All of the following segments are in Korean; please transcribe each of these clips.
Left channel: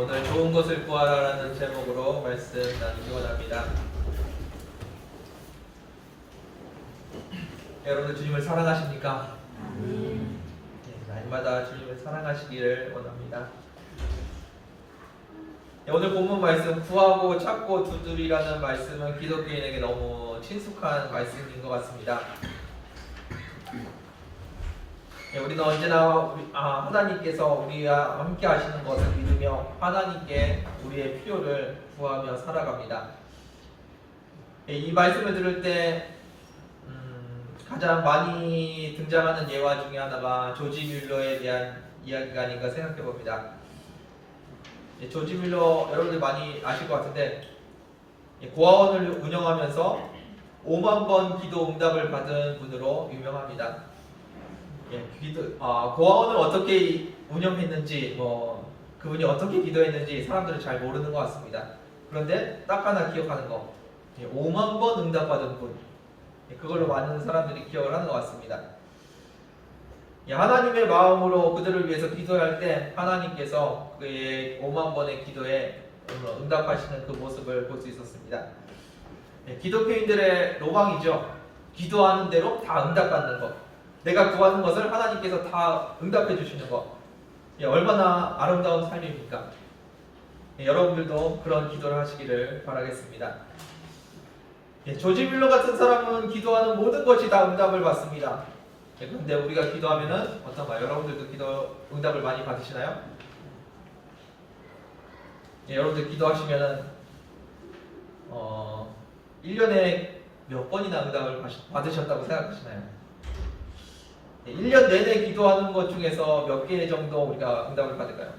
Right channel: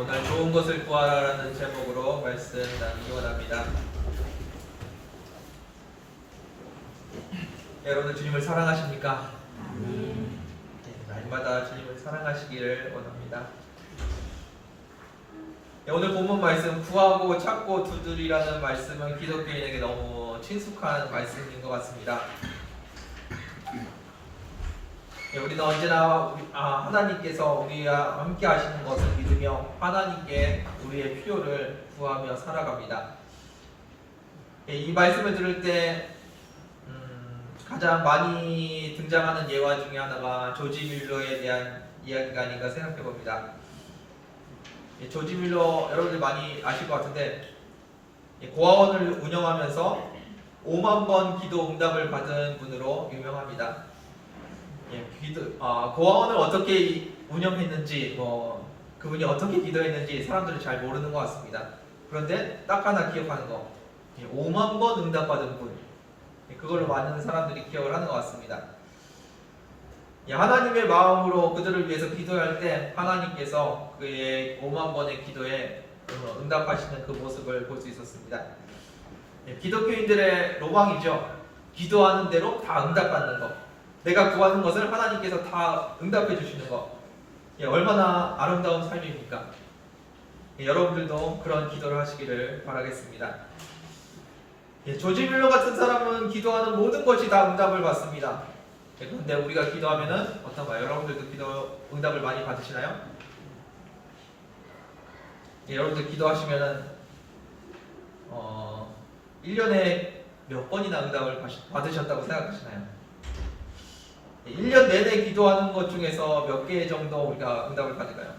오늘 좋은 것을 구하라라는 제목으로 말씀 나누기 원합니다. 여러분들 주님을 사랑하십니까? 네, 날마다 주님을 사랑하시기를 원합니다. 네, 오늘 본문 말씀 구하고 찾고 두드리라는 말씀은 기독교인에게 너무 친숙한 말씀인 것 같습니다. 네, 우리는 언제나 하나님께서 우리와 함께 하시는 것을 믿으며 하나님께 우리의 필요를 구하며 살아갑니다. 네, 이 말씀을 들을 때 가장 많이 등장하는 예화 중에 하나가 조지 뮬러에 대한 이야기가 아닌가 생각해 봅니다. 예, 조지 뮬러 여러분들 많이 아실 것 같은데 고아원을 운영하면서 5만 번 기도 응답을 받은 분으로 유명합니다. 예, 고아원을 어떻게 운영했는지 그분이 어떻게 기도했는지 사람들은 잘 모르는 것 같습니다. 그런데 딱 하나 기억하는 거, 5만 번 응답받은 분, 그걸로 많은 사람들이 기억을 하는 것 같습니다. 하나님의 마음으로 그들을 위해서 기도할 때 하나님께서 그의 5만 번의 기도에 응답하시는 그 모습을 볼 수 있었습니다. 기독교인들의 로망이죠. 기도하는 대로 다 응답받는 것. 내가 구하는 것을 하나님께서 다 응답해 주시는 것. 얼마나 아름다운 삶입니까? 여러분들도 그런 기도를 하시기를 바라겠습니다. 조지 뮬러 같은 사람은 기도하는 모든 것이 다 응답을 받습니다. 그런데 우리가 기도하면은 어떤가요? 여러분들도 기도 응답을 많이 받으시나요? 여러분들 기도하시면은 1년에 몇 번이나 응답을 받으셨다고 생각하시나요? 1년 내내 기도하는 것 중에서 몇 개 정도 우리가 응답을 받을까요?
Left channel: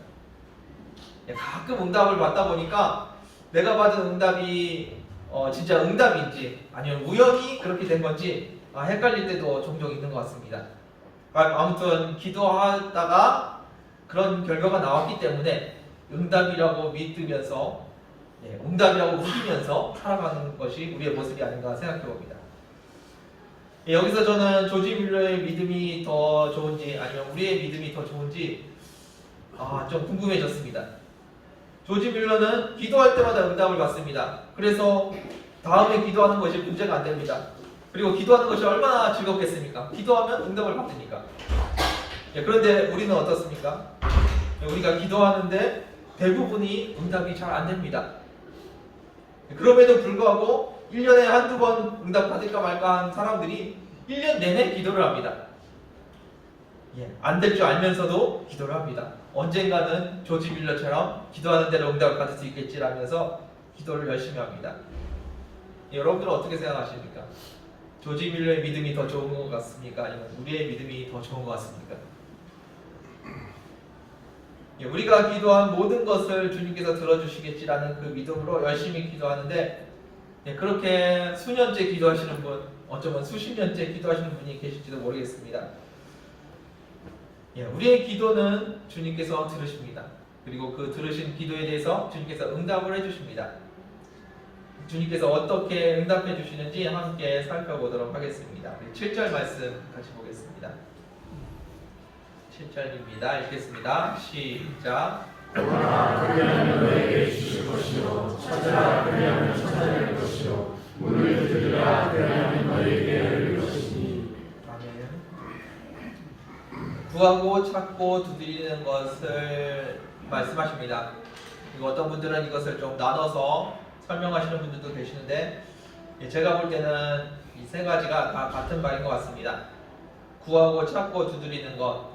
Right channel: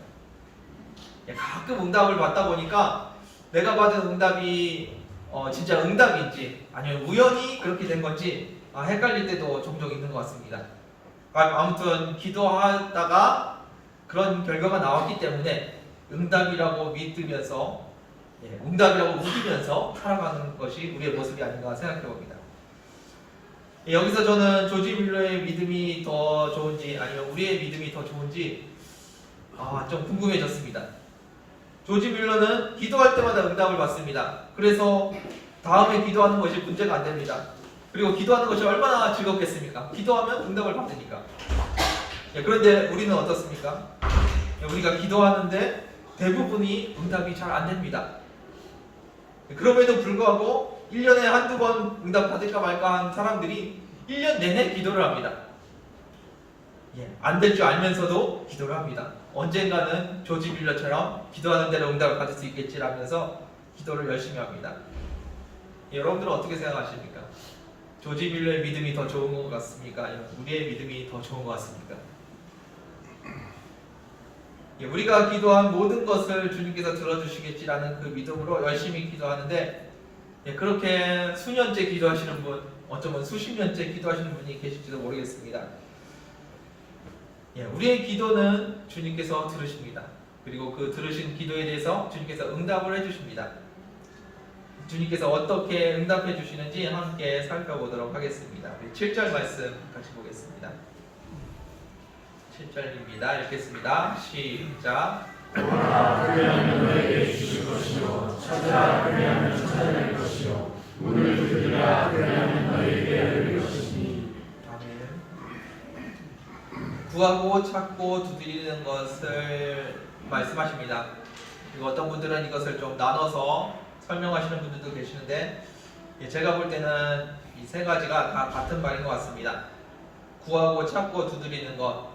가끔 응답을 받다 보니까 내가 받은 응답이 진짜 응답인지 아니면 우연히 그렇게 된 건지 헷갈릴 때도 종종 있는 것 같습니다. 아무튼 기도하다가 그런 결과가 나왔기 때문에 응답이라고 믿으면서 응답이라고 믿으면서 살아가는 것이 우리의 모습이 아닌가 생각해 봅니다. 여기서 저는 조지 뮬러의 믿음이 더 좋은지 아니면 우리의 믿음이 더 좋은지 좀 궁금해졌습니다. 조지 뮬러는 기도할 때마다 응답을 받습니다. 그래서 다음에 기도하는 것이 문제가 안 됩니다. 그리고 기도하는 것이 얼마나 즐겁겠습니까? 기도하면 응답을 받으니까. 그런데 우리는 어떻습니까? 우리가 기도하는데 대부분이 응답이 잘 안 됩니다. 그럼에도 불구하고 1년에 한두 번 응답 받을까 말까 한 사람들이 1년 내내 기도를 합니다. 안 될 줄 알면서도 기도를 합니다. 언젠가는 조지 뮬러처럼 기도하는 대로 응답을 받을 수 있겠지라면서 기도를 열심히 합니다. 여러분들은 어떻게 생각하십니까? 조지 뮬러의 믿음이 더 좋은 것 같습니까? 아니면 우리의 믿음이 더 좋은 것 같습니까? 우리가 기도한 모든 것을 주님께서 들어주시겠지라는 그 믿음으로 열심히 기도하는데 그렇게 수년째 기도하시는 분, 어쩌면 수십 년째 기도하시는 분이 계실지도 모르겠습니다. 우리의 기도는 주님께서 들으십니다. 그리고 그 들으신 기도에 대해서 주님께서 응답을 해주십니다. 주님께서 어떻게 응답해 주시는지 함께 살펴보도록 하겠습니다. 7절 말씀 같이 보겠습니다. 7절입니다. 읽겠습니다. 시작. 구하라 그리하면 너에게 주실 것이요 찾으라 그리하면 찾아낼 것이요 문을 두드리라 그리하면 너에게 열릴 것이니. 아멘. 구하고 찾고 두드리는 것을 말씀하십니다. 그리고 어떤 분들은 이것을 좀 나눠서 설명하시는 분들도 계시는데 제가 볼 때는 이 세 가지가 다 같은 말인 것 같습니다. 구하고 찾고 두드리는 것,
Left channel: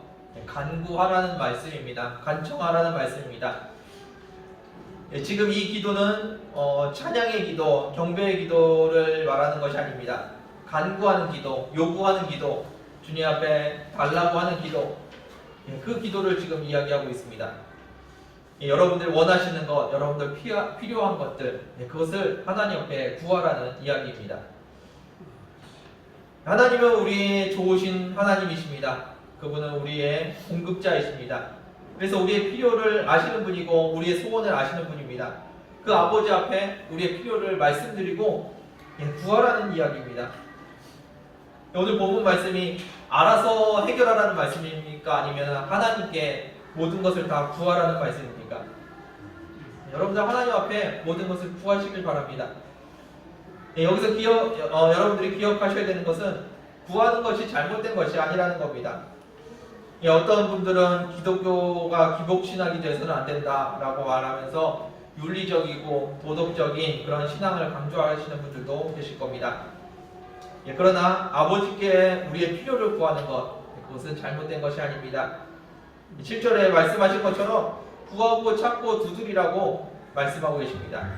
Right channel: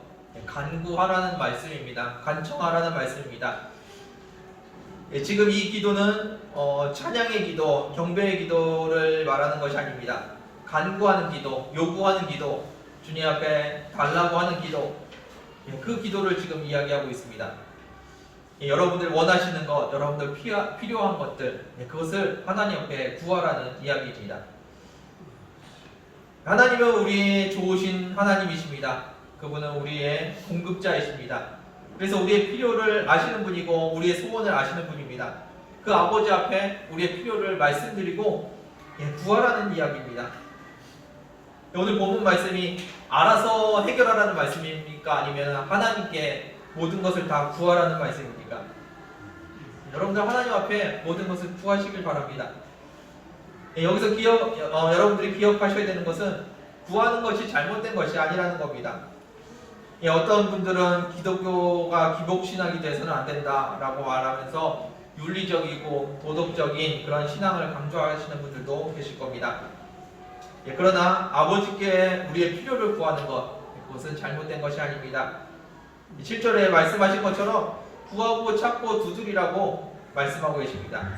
간구하라는 말씀입니다. 간청하라는 말씀입니다. 지금 이 기도는 찬양의 기도, 경배의 기도를 말하는 것이 아닙니다. 간구하는 기도, 요구하는 기도, 주님 앞에 달라고 하는 기도, 그 기도를 지금 이야기하고 있습니다. 여러분들 원하시는 것, 여러분들 필요한 것들, 그것을 하나님 앞에 구하라는 이야기입니다. 하나님은 우리의 좋으신 하나님이십니다. 그분은 우리의 공급자이십니다. 그래서 우리의 필요를 아시는 분이고 우리의 소원을 아시는 분입니다. 그 아버지 앞에 우리의 필요를 말씀드리고 구하라는 이야기입니다. 오늘 본문 말씀이 알아서 해결하라는 말씀입니까? 아니면 하나님께 모든 것을 다 구하라는 말씀입니까? 여러분들 하나님 앞에 모든 것을 구하시길 바랍니다. 여기서 여러분들이 기억하셔야 되는 것은 구하는 것이 잘못된 것이 아니라는 겁니다. 어떤 분들은 기독교가 기복신앙이 돼서는 안 된다라고 말하면서 윤리적이고 도덕적인 그런 신앙을 강조하시는 분들도 계실 겁니다. 그러나 아버지께 우리의 필요를 구하는 것, 그것은 잘못된 것이 아닙니다. 7절에 말씀하신 것처럼 구하고 찾고 두드리라고 말씀하고 계십니다.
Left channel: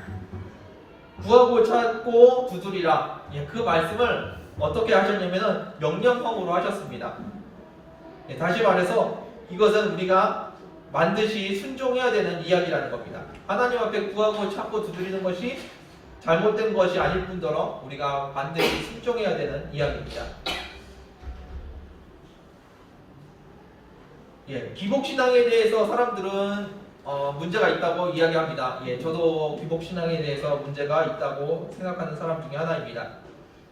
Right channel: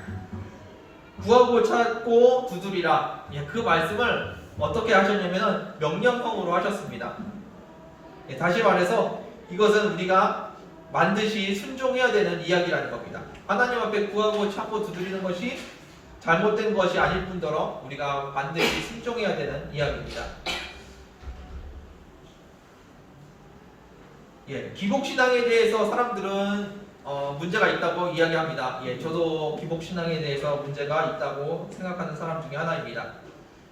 구하고 찾고 두드리라. 그 말씀을 어떻게 하셨냐면 명령형으로 하셨습니다. 다시 말해서 이것은 우리가 반드시 순종해야 되는 이야기라는 겁니다. 하나님 앞에 구하고 찾고 두드리는 것이 잘못된 것이 아닐 뿐더러 우리가 반드시 순종해야 되는 이야기입니다. 기복신앙에 대해서 사람들은 문제가 있다고 이야기합니다. 저도 기복신앙에 대해서 문제가 있다고 생각하는 사람 중에 하나입니다.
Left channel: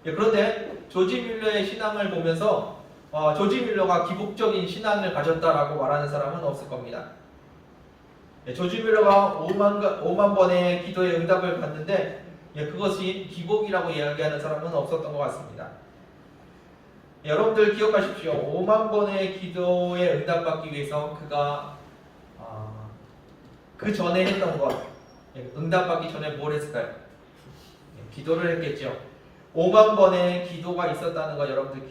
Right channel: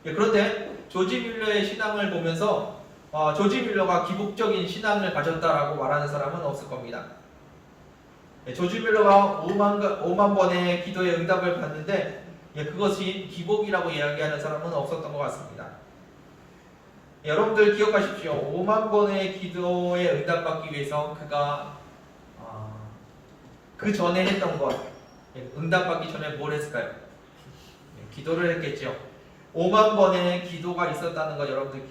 그런데 조지 뮬러의 신앙을 보면서 조지 뮬러가 기복적인 신앙을 가졌다라고 말하는 사람은 없을 겁니다. 조지 뮬러가 5만 번의 기도의 응답을 받는데 그것이 기복이라고 이야기하는 사람은 없었던 것 같습니다. 여러분들 기억하십시오. 5만 번의 기도에 응답받기 위해서 그가 그 전에 했던 것, 응답받기 전에 뭘 했을까요? 기도를 했겠죠. 5만 번의 기도가 있었다는 거 여러분들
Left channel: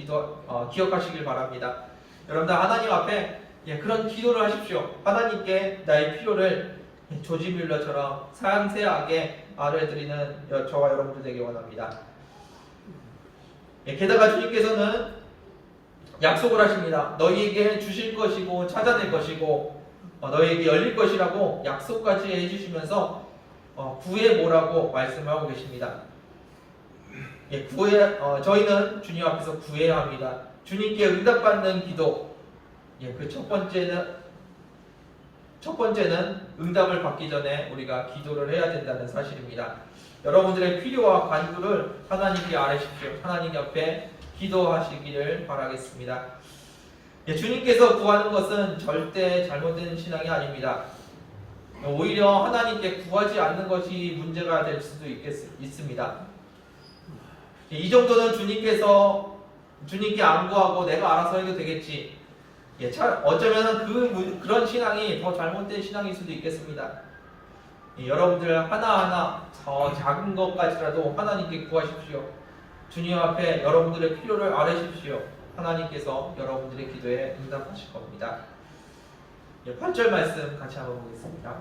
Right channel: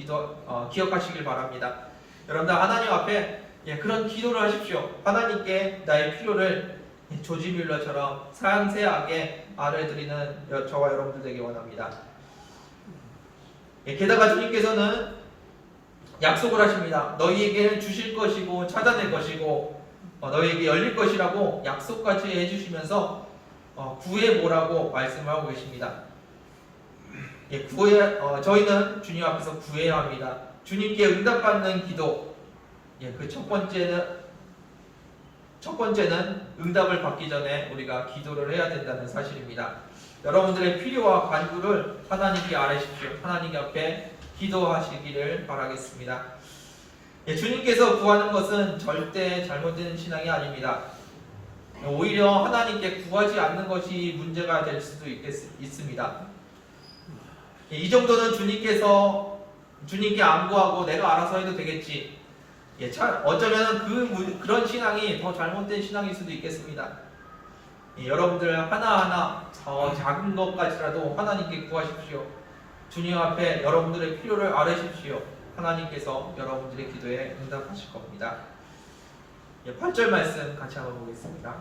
기억하시길 바랍니다. 여러분들 하나님 앞에 그런 기도를 하십시오. 하나님께 나의 필요를 조지 뮬러처럼 상세하게 알려드리는 저와 여러분들 되기 원합니다. 게다가 주님께서는 약속을 하십니다. 너희에게 주실 것이고 찾아낼 것이고 너희에게 열릴 것이라고 약속까지 해주시면서 구해보라고 말씀하고 계십니다. 저희는 주님 앞에서 구해야 합니다. 주님께 응답받는 기도. 그 첫 번째는 응답을 받기 전에 우리가 기도를 해야 된다는 사실입니다. 여러분들의 필요와 간구를 하나님께 아뢰십시오. 하나님 앞에 기도하시기를 바라겠습니다. 주님께서 구하는 것은 절대 잘못된 신앙이 아닙니다. 오히려 하나님께 구하지 않는 것이 문제가 될 수도 있습니다. 이 정도는 주님께 안 구하고 내가 알아서 해도 되겠지. 어쩌면 그런 신앙이 더 잘못된 신앙일 수도 있겠습니다. 여러분들 하나하나 작은 것까지라도 하나님께 구하십시오. 주님 앞에 여러분들의 필요를 아뢰십시오. 하나님께서 여러분들의 기도에 응답하실 겁니다. 8절 말씀 같이 한번 보겠습니다.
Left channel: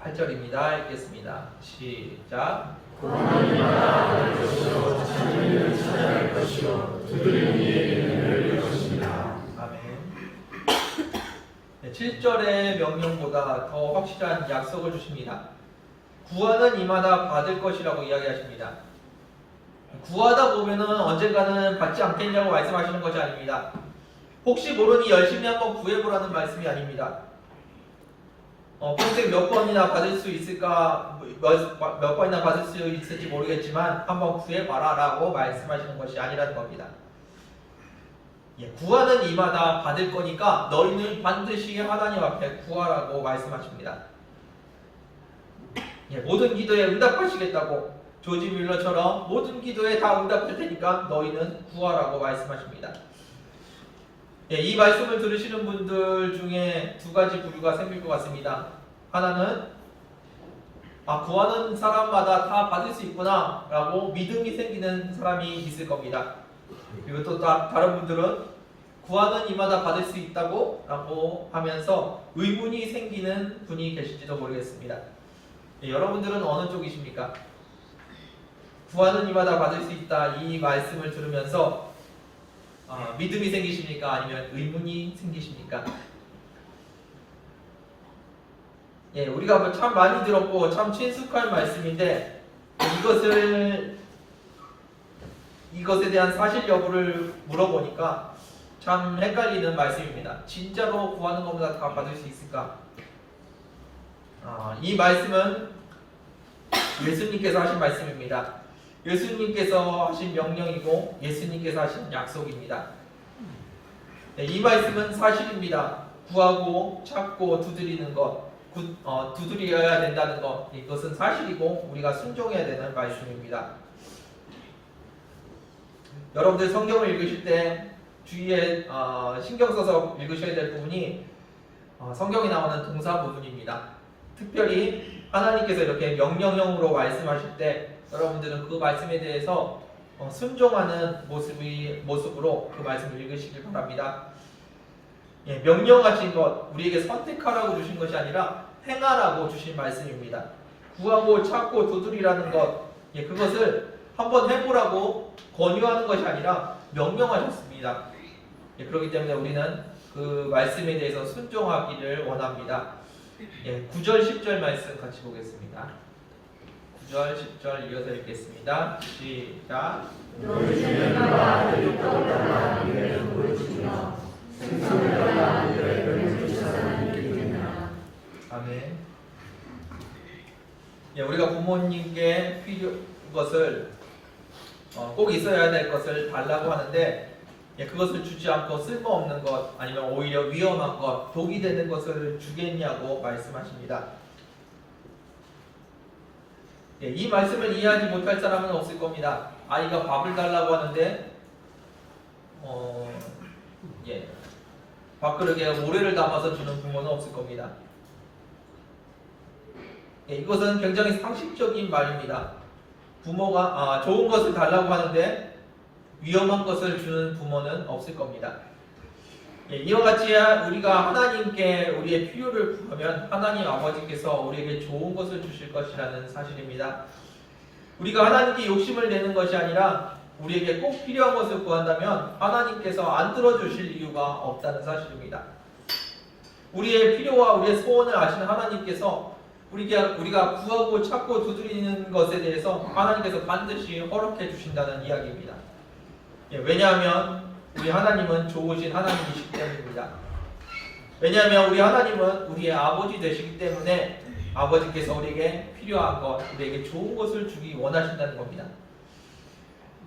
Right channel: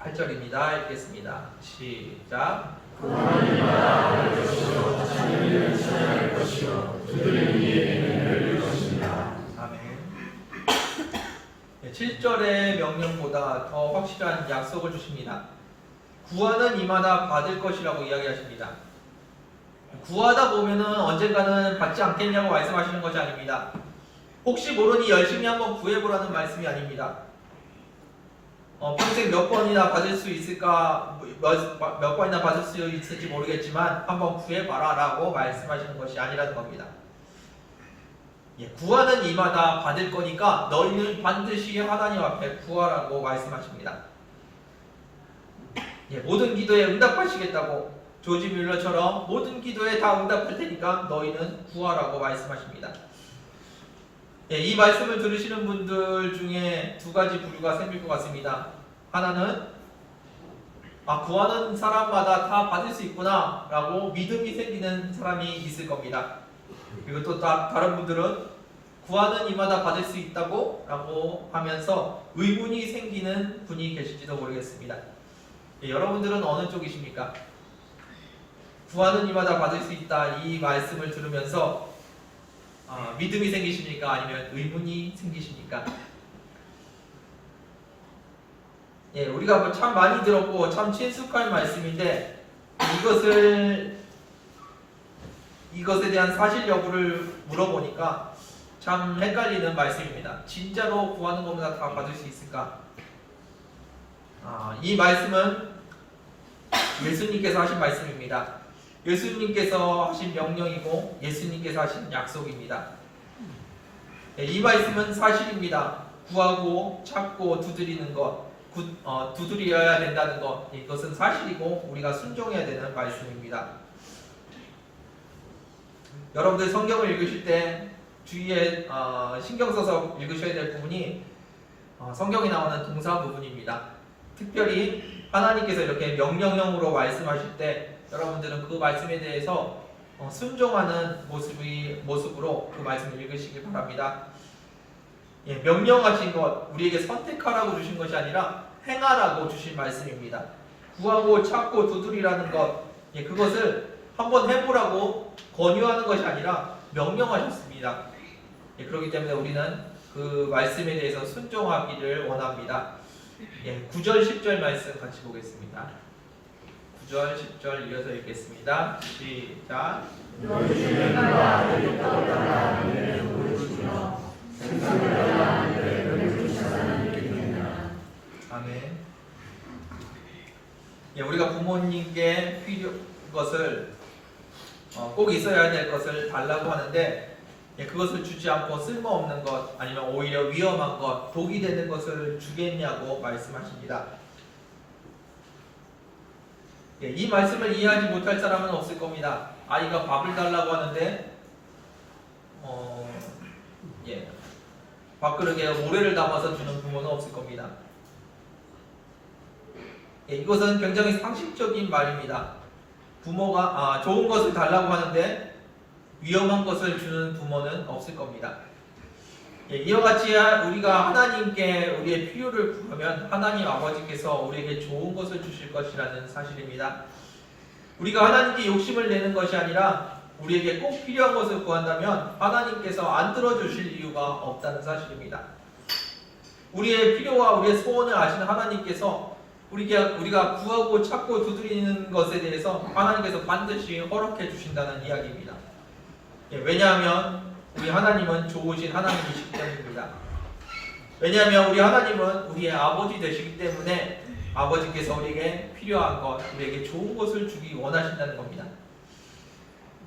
8절입니다. 읽겠습니다. 시작. 하나님마다 알 것이요 자기를 찾아낼 것이요 그들의 이에게는 열릴 것입니다. 아멘. 7절의 명령보다 더 확실한 약속을 주십니다. 구하는 이마다 받을 것이라고 이야기하십니다. 구하다 보면은 언젠가는 받지 않겠냐고 말씀하시는 것이 아닙니다. 혹시 모르니 열심히 한번 구해보라는 말씀이 아닙니다. 평생 몇 번이나 받을 수 있을까, 몇 번이나 받을 수 있을지 모르겠지만 한번 구해봐라 라고 말씀하시는 것이 아니라는 겁니다. 구하는 이마다 받을 거니까 너희는 반드시 하나님 앞에 구하라고 말씀하십니다. 모든 기도에 응답하시겠다고 조지 뮬러처럼 모든 기도에 다 응답할 테니까 너희는 구하라고 말씀하십니다. 이 말씀을 들으시는 분들 중에 두 가지 부류가 생길 것 같습니다. 하나는 구하는 사람마다 다 받을 수 있구나 라고 믿음이 생기는 사람이 있을 겁니다. 그리고 또 다른 분들은 구하는 이마다 받을 수 있다고 라고 하면서 의문이 생기는 분이 계실지도 모르겠습니다. 여러분들은 어느 쪽이십니까? 구하는 이마다 받을 수 있다 이 말씀을 들으면서 믿음이 생기십니까? 아니면 의문이 생기십니까? 우리가 참 많이 들었고 참 친숙한 말씀인데 이것에 대한 사실 여부를 물어보니까 참 헷갈리는 말씀입니다. 진짜로 구하는 것보다 다 받을 수 있을까? 이 말씀은 예수님께서 하신 말씀입니다. 예수님께서 하신 명령이고 예수님께서 하신 약속입니다. 이 말씀은 사실입니다. 구하고 찾고 두드리는 것, 두드려야 된다는 것, 이것은 사실이고 우리가 순종해야 되는 말씀입니다. 여러분들 성경을 읽으실 때 주위에 신경 써서 읽으셔야 될 부분이 성경에 나오는 동사 부분입니다. 특별히 하나님께서 이렇게 명령형으로 말씀하실 때 여러분들은 그 말씀에 대해서 순종하는 모습으로 그 말씀을 읽으시길 바랍니다. 예, 명령하신 것, 우리에게 선택하라고 주신 것이 아니라 행하라고 주신 말씀입니다. 구하고 찾고 두드리라는 것, 예, 그것을 한번 해보라고 권유하는 것이 아니라 명령하셨습니다. 예, 그렇기 때문에 우리는 그 말씀에 대해서 순종하기를 원합니다. 예, 9절 10절 말씀 같이 보겠습니다. 9절 10절 이어서 읽겠습니다. 시작. 너희 중에 누가 아들이 떠올라라 이를 보여주며 생선을 달라 이를 병을 주신 사람이 있느냐. 아멘. 예, 우리가 부모님께 필요한 것을 꼭 있어야 될 것을 달라고 하는데 예, 그것을 주지 않고 쓸모없는 것 아니면 오히려 위험한 것, 독이 되는 것을 주겠냐고 말씀하십니다. 예, 이 말씀을 이해하지 못할 사람은 없을 겁니다. 아이가 밥을 달라고 하는데 밥그릇에 모래를 담아서 주는 부모는 없을 겁니다. 예, 이것은 굉장히 상식적인 말입니다. 부모가 좋은 것을 달라고 하는데 위험한 것을 주는 부모는 없을 겁니다. 예, 이와 같이 우리가 하나님께 우리의 필요를 구하면 하나님 아버지께서 우리에게 좋은 것을 주실 것이라는 사실입니다. 우리가 하나님께 욕심을 내는 것이 아니라 우리에게 꼭 필요한 것을 구한다면 하나님께서 안 들어주실 이유가 없다는 사실입니다. 우리의 필요와 우리의 소원을 아시는 하나님께서 우리가 구하고 찾고 두드리는 것에 대해서 하나님께서 반드시 허락해 주신다는 이야기입니다. 예, 왜냐하면 우리 하나님은 좋으신 하나님이시기 때문입니다. 왜냐하면 우리 하나님은 우리의 아버지 되시기 때문에 아버지께서 우리에게 필요한 것, 우리에게 좋은 것을 주기 원하신다는 겁니다.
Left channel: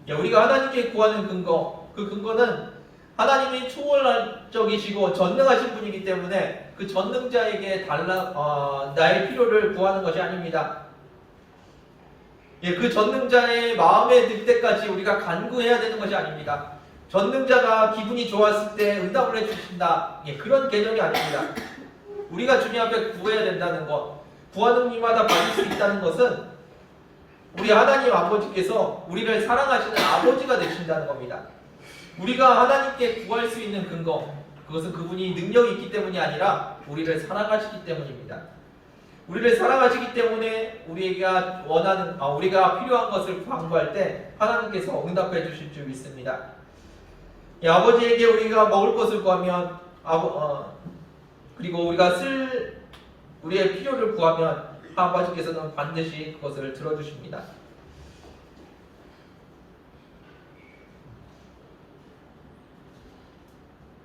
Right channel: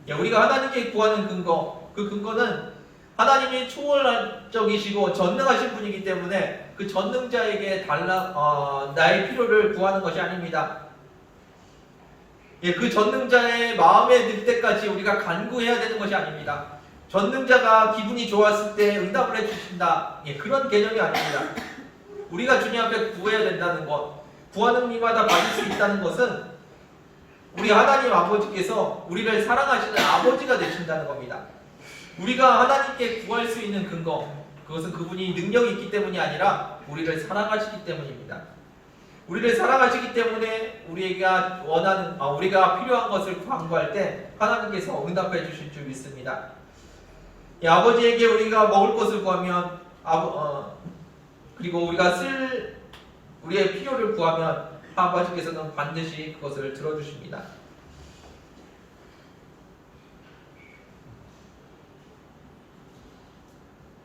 예, 우리가 하나님께 구하는 근거, 그 근거는 하나님이 초월적이시고 전능하신 분이기 때문에 그 전능자에게 나의 필요를 구하는 것이 아닙니다. 예, 그 전능자의 마음에 들 때까지 우리가 간구해야 되는 것이 아닙니다. 전능자가 기분이 좋았을 때 응답을 해주신다. 예, 그런 개념이 아닙니다. 우리가 주님 앞에 구해야 된다는 것, 구하는 이마다 받을 수 있다는 것은 우리 하나님 아버지께서 우리를 사랑하시는 아버지가 되신다는 겁니다. 우리가 하나님께 구할 수 있는 근거, 그것은 그분이 능력이 있기 때문이 아니라 우리를 사랑하시기 때문입니다. 우리를 사랑하시기 때문에 우리가 필요한 것을 간구할 때 하나님께서 응답해 주실 줄 믿습니다. 아버지에게 우리가 먹을 것을 구하면 그리고 우리가 우리의 필요를 구하면 아버지께서는 반드시 그것을 들어주십니다.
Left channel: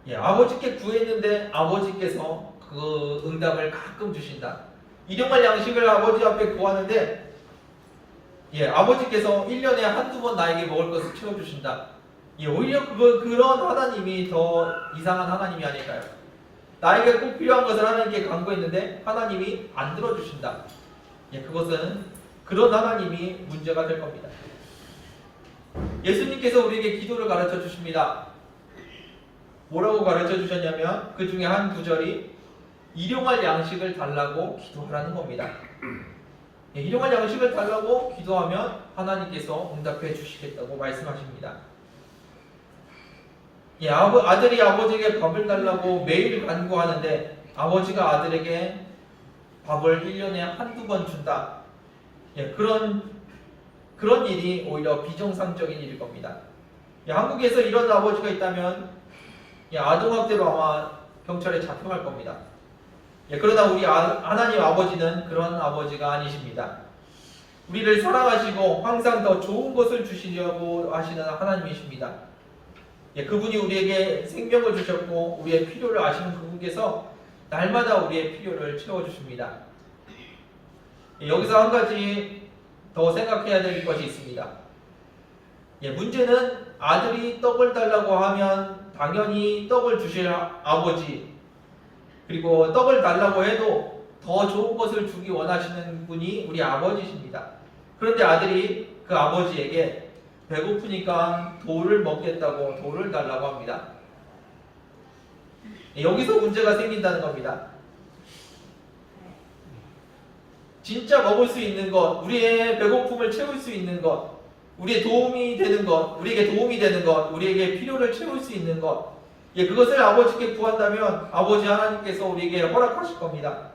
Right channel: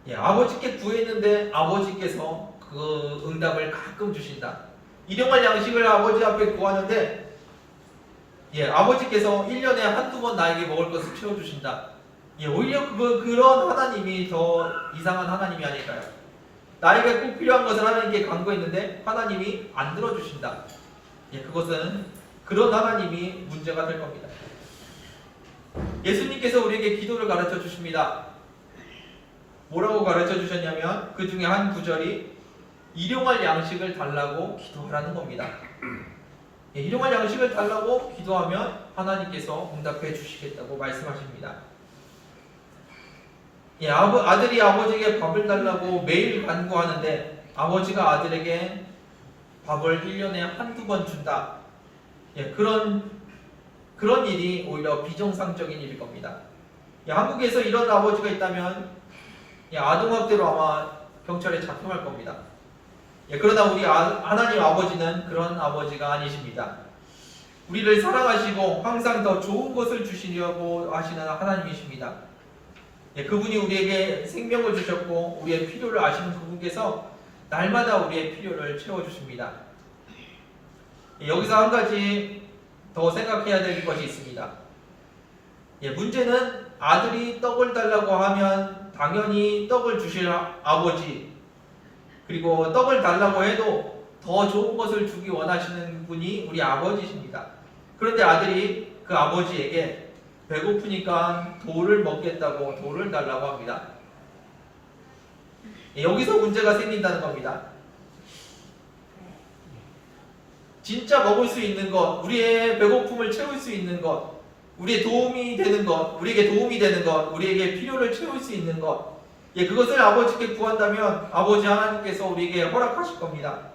예, 아버지께 구했는데 아버지께서 그 응답을 가끔 주신다. 일용할 양식을 아버지 앞에 구하는데 아버지께서 1년에 한두 번 나에게 먹을 것을 채워주신다. 오히려 그런 하나님이 더 이상한 하나님이 아닐까요? 나에게 꼭 필요한 것을 하나님께 간구했는데 하나님이 안 들어주신다. 그것은 그런 하나님이 문제가 될 겁니다. 예수님께서 우리에게 기도를 가르쳐 주십니다. 뭐라고 가르쳐 주셨냐면 그 중에 한 구절이 일용할 양식을 달라고 기도하라는 겁니다. 일용할 양식을 달라고 기도하면 하나님께서 응답해 주시겠다고 말씀하십니다. 아들이 아버지에게 밥을 달라고 매일 간구하는데 아버지가 아들에게 밥을 1년에 한두 번 준다. 그런 일이 오히려 비정상적인 일일 겁니다. 한국에서 이런 아버지가 있다면 아동학대로 아마 경찰에 잡혀갈 겁니다. 그러나 우리 하나님 아버지는 그런 아버지가 아니십니다. 우리를 사랑하시고 항상 더 좋은 것을 주시려고 하시는 하나님이십니다. 그분이 우리에게 생명을 주셨고 우리의 필요를 아시는 그분께서 날마다 우리의 필요를 채워주십니다. 여기서 한 가지 더 생각해야 될 것이 있습니다. 문제는 아들이 떡을 달라고 하면 당연히 떡을 주실 아버지, 그리고 떡을 달라고 해도 더 좋은 것을 주기 원하시는 분이 우리 아버지십니다. 그런데 아들이 그 아버지에게 배고프니까 돌을 먹겠다고 돌을 달라고 합니다. 여기서 문제가 생긴다는 겁니다. 진짜 먹을 수 있는 것, 우리의 배고픔을 채울 수 있는 것, 우리의 도움이 되는 것, 우리에게 도움이 되는 것, 우리에게 필요를 채울 수 있는 것, 그것을 아버지께 구한다면 아버지 하나님께서 우리에게 허락하실 겁니다.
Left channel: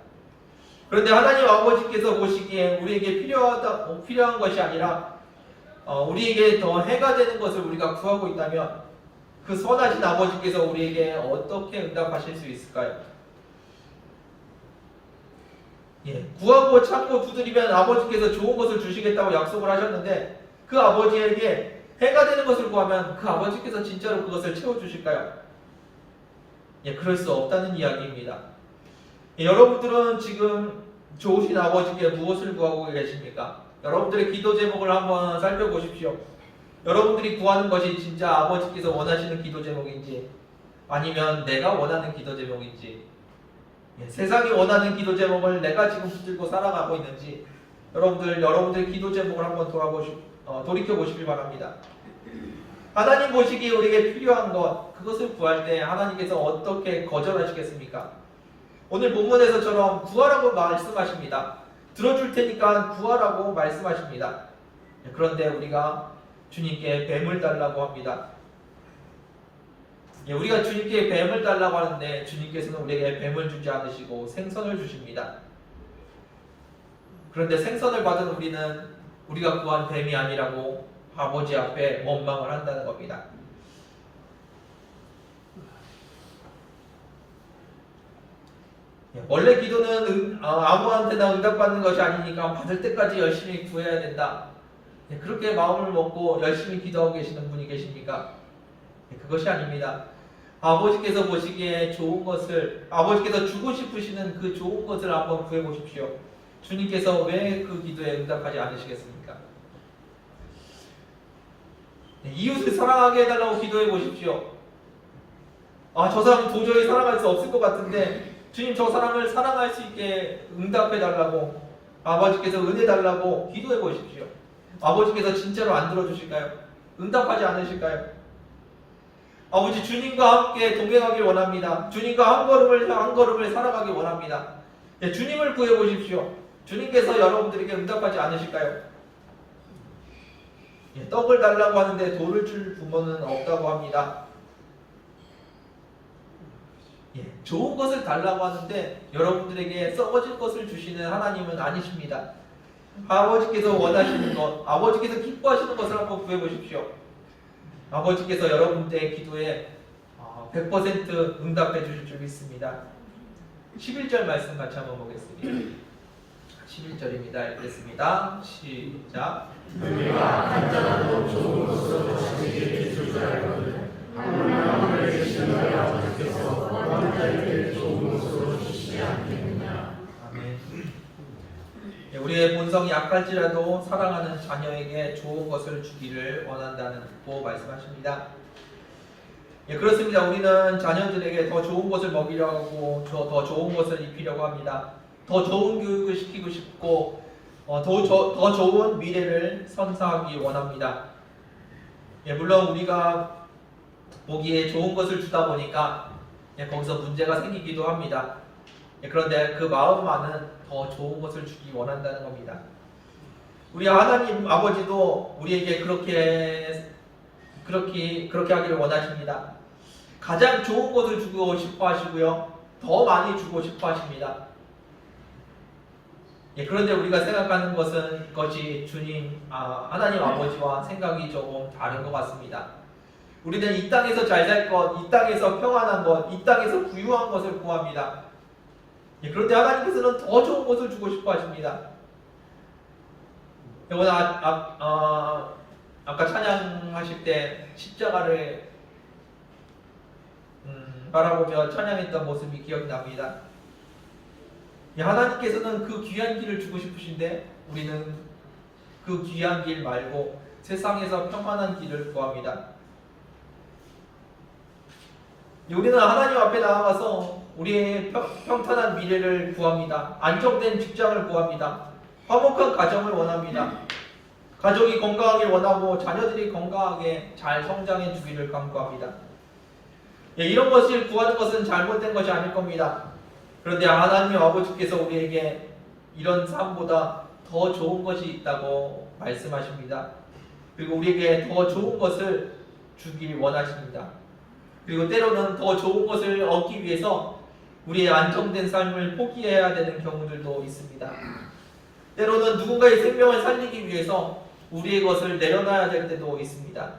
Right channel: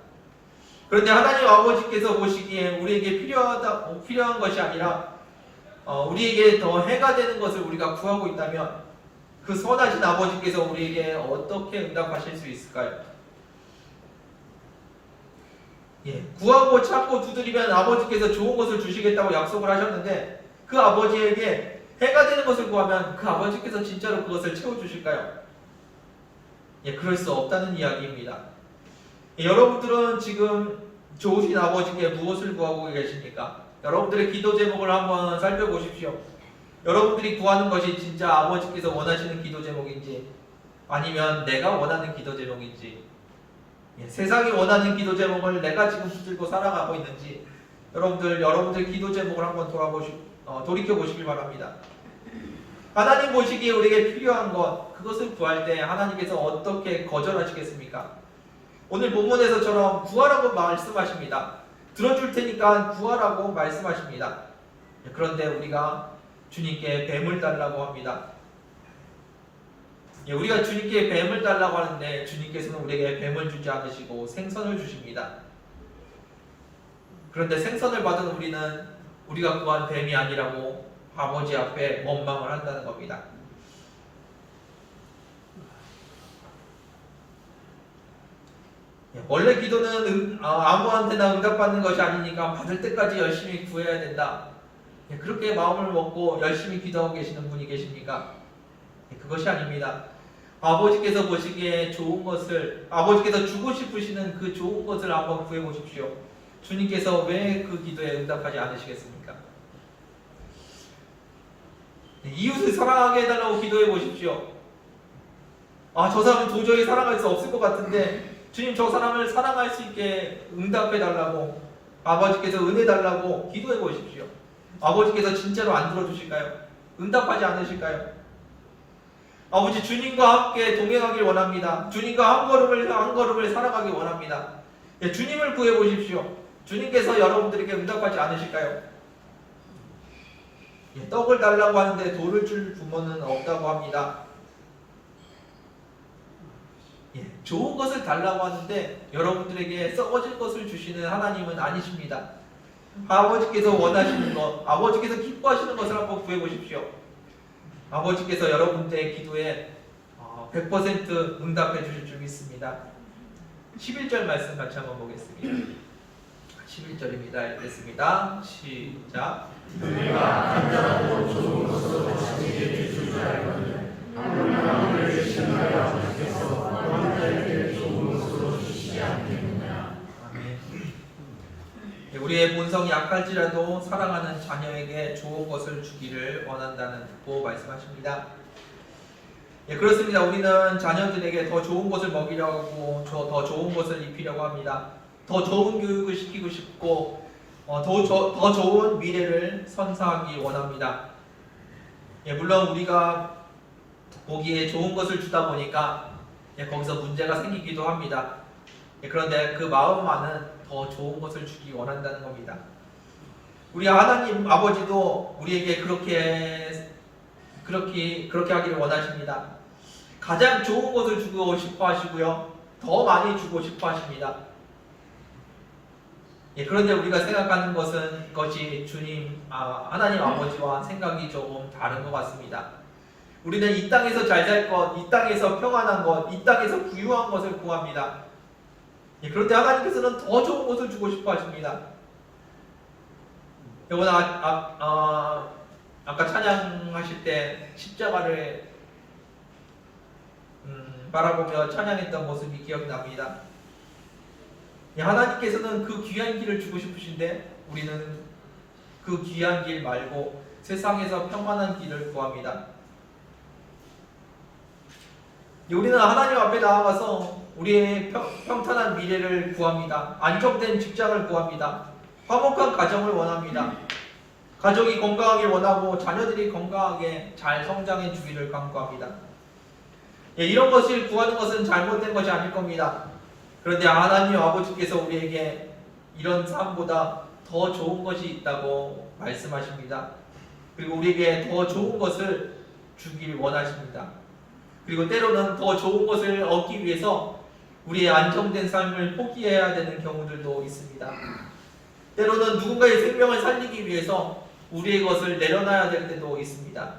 그런데 하나님 아버지께서 보시기에 우리에게 필요한 것이 아니라 우리에게 더 해가 되는 것을 우리가 구하고 있다면 그 선하신 아버지께서 우리에게 어떻게 응답하실 수 있을까요? 구하고 찾고 두드리면 아버지께서 좋은 것을 주시겠다고 약속을 하셨는데 그 아버지에게 해가 되는 것을 구하면 그 아버지께서 진짜로 그것을 채워주실까요? 그럴 수 없다는 이야기입니다. 여러분들은 지금 좋으신 아버지께 무엇을 구하고 계십니까? 여러분들의 기도 제목을 한번 살펴보십시오. 여러분들이 구하는 것이 진짜 아버지께서 원하시는 기도 제목인지 아니면 내가 원하는 기도 제목인지 세상이 원하는 기도 제목을 내가 지금 붙들고 살아가고 있는지 여러분들의 기도 제목을 한번 돌이켜 보시길 바랍니다. 하나님 보시기에 우리에게 필요한 것 그것을 구할 때 하나님께서 어떻게 거절하시겠습니까? 오늘 본문에서처럼 구하라고 말씀하십니다. 들어줄 테니까 구하라고 말씀하십니다. 그런데 우리가 주님께 뱀을 달라고 합니다. 우리가 주님께 뱀을 달라고 하는데 주님께서는 우리에게 뱀을 주지 않으시고 생선을 주십니다. 그런데 생선을 받은 우리는 우리가 구한 뱀이 아니라고 아버지 앞에 원망을 한다는 겁니다. 원래 기도는 아무한테나 응답받는 것이 아니니까 받을 때까지 열심히 구해야 된다. 그렇게 마음을 먹고 열심히 기도하고 계시는 분이 계십니까? 그것이 아닙니다. 아버지께서 보시기에 좋은 것을 아버지께서 주고 싶으시는 그 좋은 것을 한번 구해 보십시오. 주님께서 왜 그 기도에 응답하지 않으시겠습니까? 이웃을 사랑하게 해달라고 기도해 보십시오. 저 사람은 도저히 사랑할 수 없을 것 같은데 주님 저 사람을 사랑할 수 있게 응답해 달라고 아버지께서 은혜 달라고 기도해 보십시오. 아버지께서 진짜로 안 들어주실까요? 응답하지 않으실까요? 아버지 주님과 함께 동행하길 원합니다. 주님과 한 걸음을 살아가길 원합니다. 주님을 구해 보십시오. 주님께서 여러분들에게 응답하지 않으실까요? 떡을 달라고 하는데 돌을 줄 부모는 없다고 합니다. 좋은 것을 달라고 하는데 여러분들에게 썩어질 것을 주시는 하나님은 아니십니다. 아버지께서 원하시는 것, 아버지께서 기뻐하시는 것을 한번 구해 보십시오. 아버지께서 여러분들의 기도에 100% 응답해 주실 줄 믿습니다. 11절 말씀 같이 한번 보겠습니다. 11절입니다. 읽겠습니다. 시작. 너희가 간절하고 좋은 것으로 자기에게 주지 알거든 하물며 계시는 너희 아버지께서 왕자에게 좋은 것으로 주시지 않겠느냐. 아멘. 우리의 본성이 약할지라도 사랑하는 자녀에게 좋은 것을 주기를 원한다고 말씀하십니다. 그렇습니다. 우리는 자녀들에게 더 좋은 것을 먹이려고 하고 더 좋은 것을 입히려고 합니다. 더 좋은 교육을 시키고 싶고 더 좋은 미래를 선사하기 원합니다. 물론 우리가 보기에 좋은 것을 주다 보니까 거기서 문제가 생기기도 합니다. 그런데 그 마음만은 더 좋은 것을 주기 원한다는 겁니다. 우리 하나님 아버지도 우리에게 그렇게 하기를 원하십니다. 가장 좋은 것을 주고 싶어 하시고요. 더 많이 주고 싶어 하십니다. 그런데 우리가 생각하는 것이 주님, 하나님 아버지와 생각이 조금 다른 것 같습니다. 우리는 이 땅에서 잘 살 것, 이 땅에서 평안한 것, 이 땅에서 부유한 것을 구합니다. 그런데 하나님께서는 더 좋은 것을 주고 싶어 하십니다. 여러분, 아까 찬양하실 때 십자가를 바라보며 찬양했던 모습이 기억납니다. 하나님께서는 그 귀한 길을 주고 싶으신데 우리는 그 귀한 길 말고 세상에서 평안한 길을 구합니다. 우리는 하나님 앞에 나아가서 우리의 평탄한 미래를 구합니다. 안정된 직장을 구합니다. 화목한 가정을 원합니다. 가족이 건강하게 원하고 자녀들이 건강하게 잘 성장해 주기를 간구합니다. 예, 이런 것을 구하는 것은 잘못된 것이 아닐 겁니다. 그런데 하나님 아버지께서 우리에게 이런 삶보다 더 좋은 것이 있다고 말씀하십니다. 그리고 우리에게 더 좋은 것을 주길 원하십니다. 그리고 때로는 더 좋은 것을 얻기 위해서 우리의 안정된 삶을 포기해야 되는 경우들도 있습니다. 때로는 누군가의 생명을 살리기 위해서 우리의 것을 내려놔야 될 때도 있습니다.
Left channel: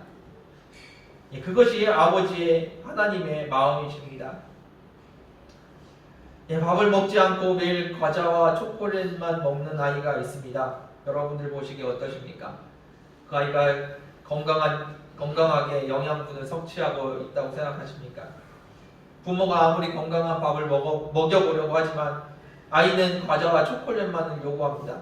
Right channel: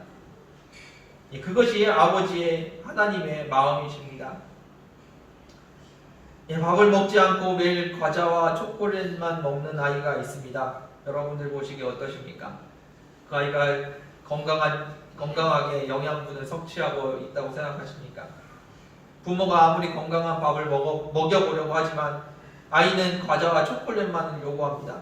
그것이 아버지의 하나님의 마음이십니다. 밥을 먹지 않고 매일 과자와 초콜릿만 먹는 아이가 있습니다. 여러분들 보시기에 어떠십니까? 그 아이가 건강하게 영양분을 섭취하고 있다고 생각하십니까? 부모가 아무리 건강한 밥을 먹여보려고 하지만 아이는 과자와 초콜릿만을 요구합니다.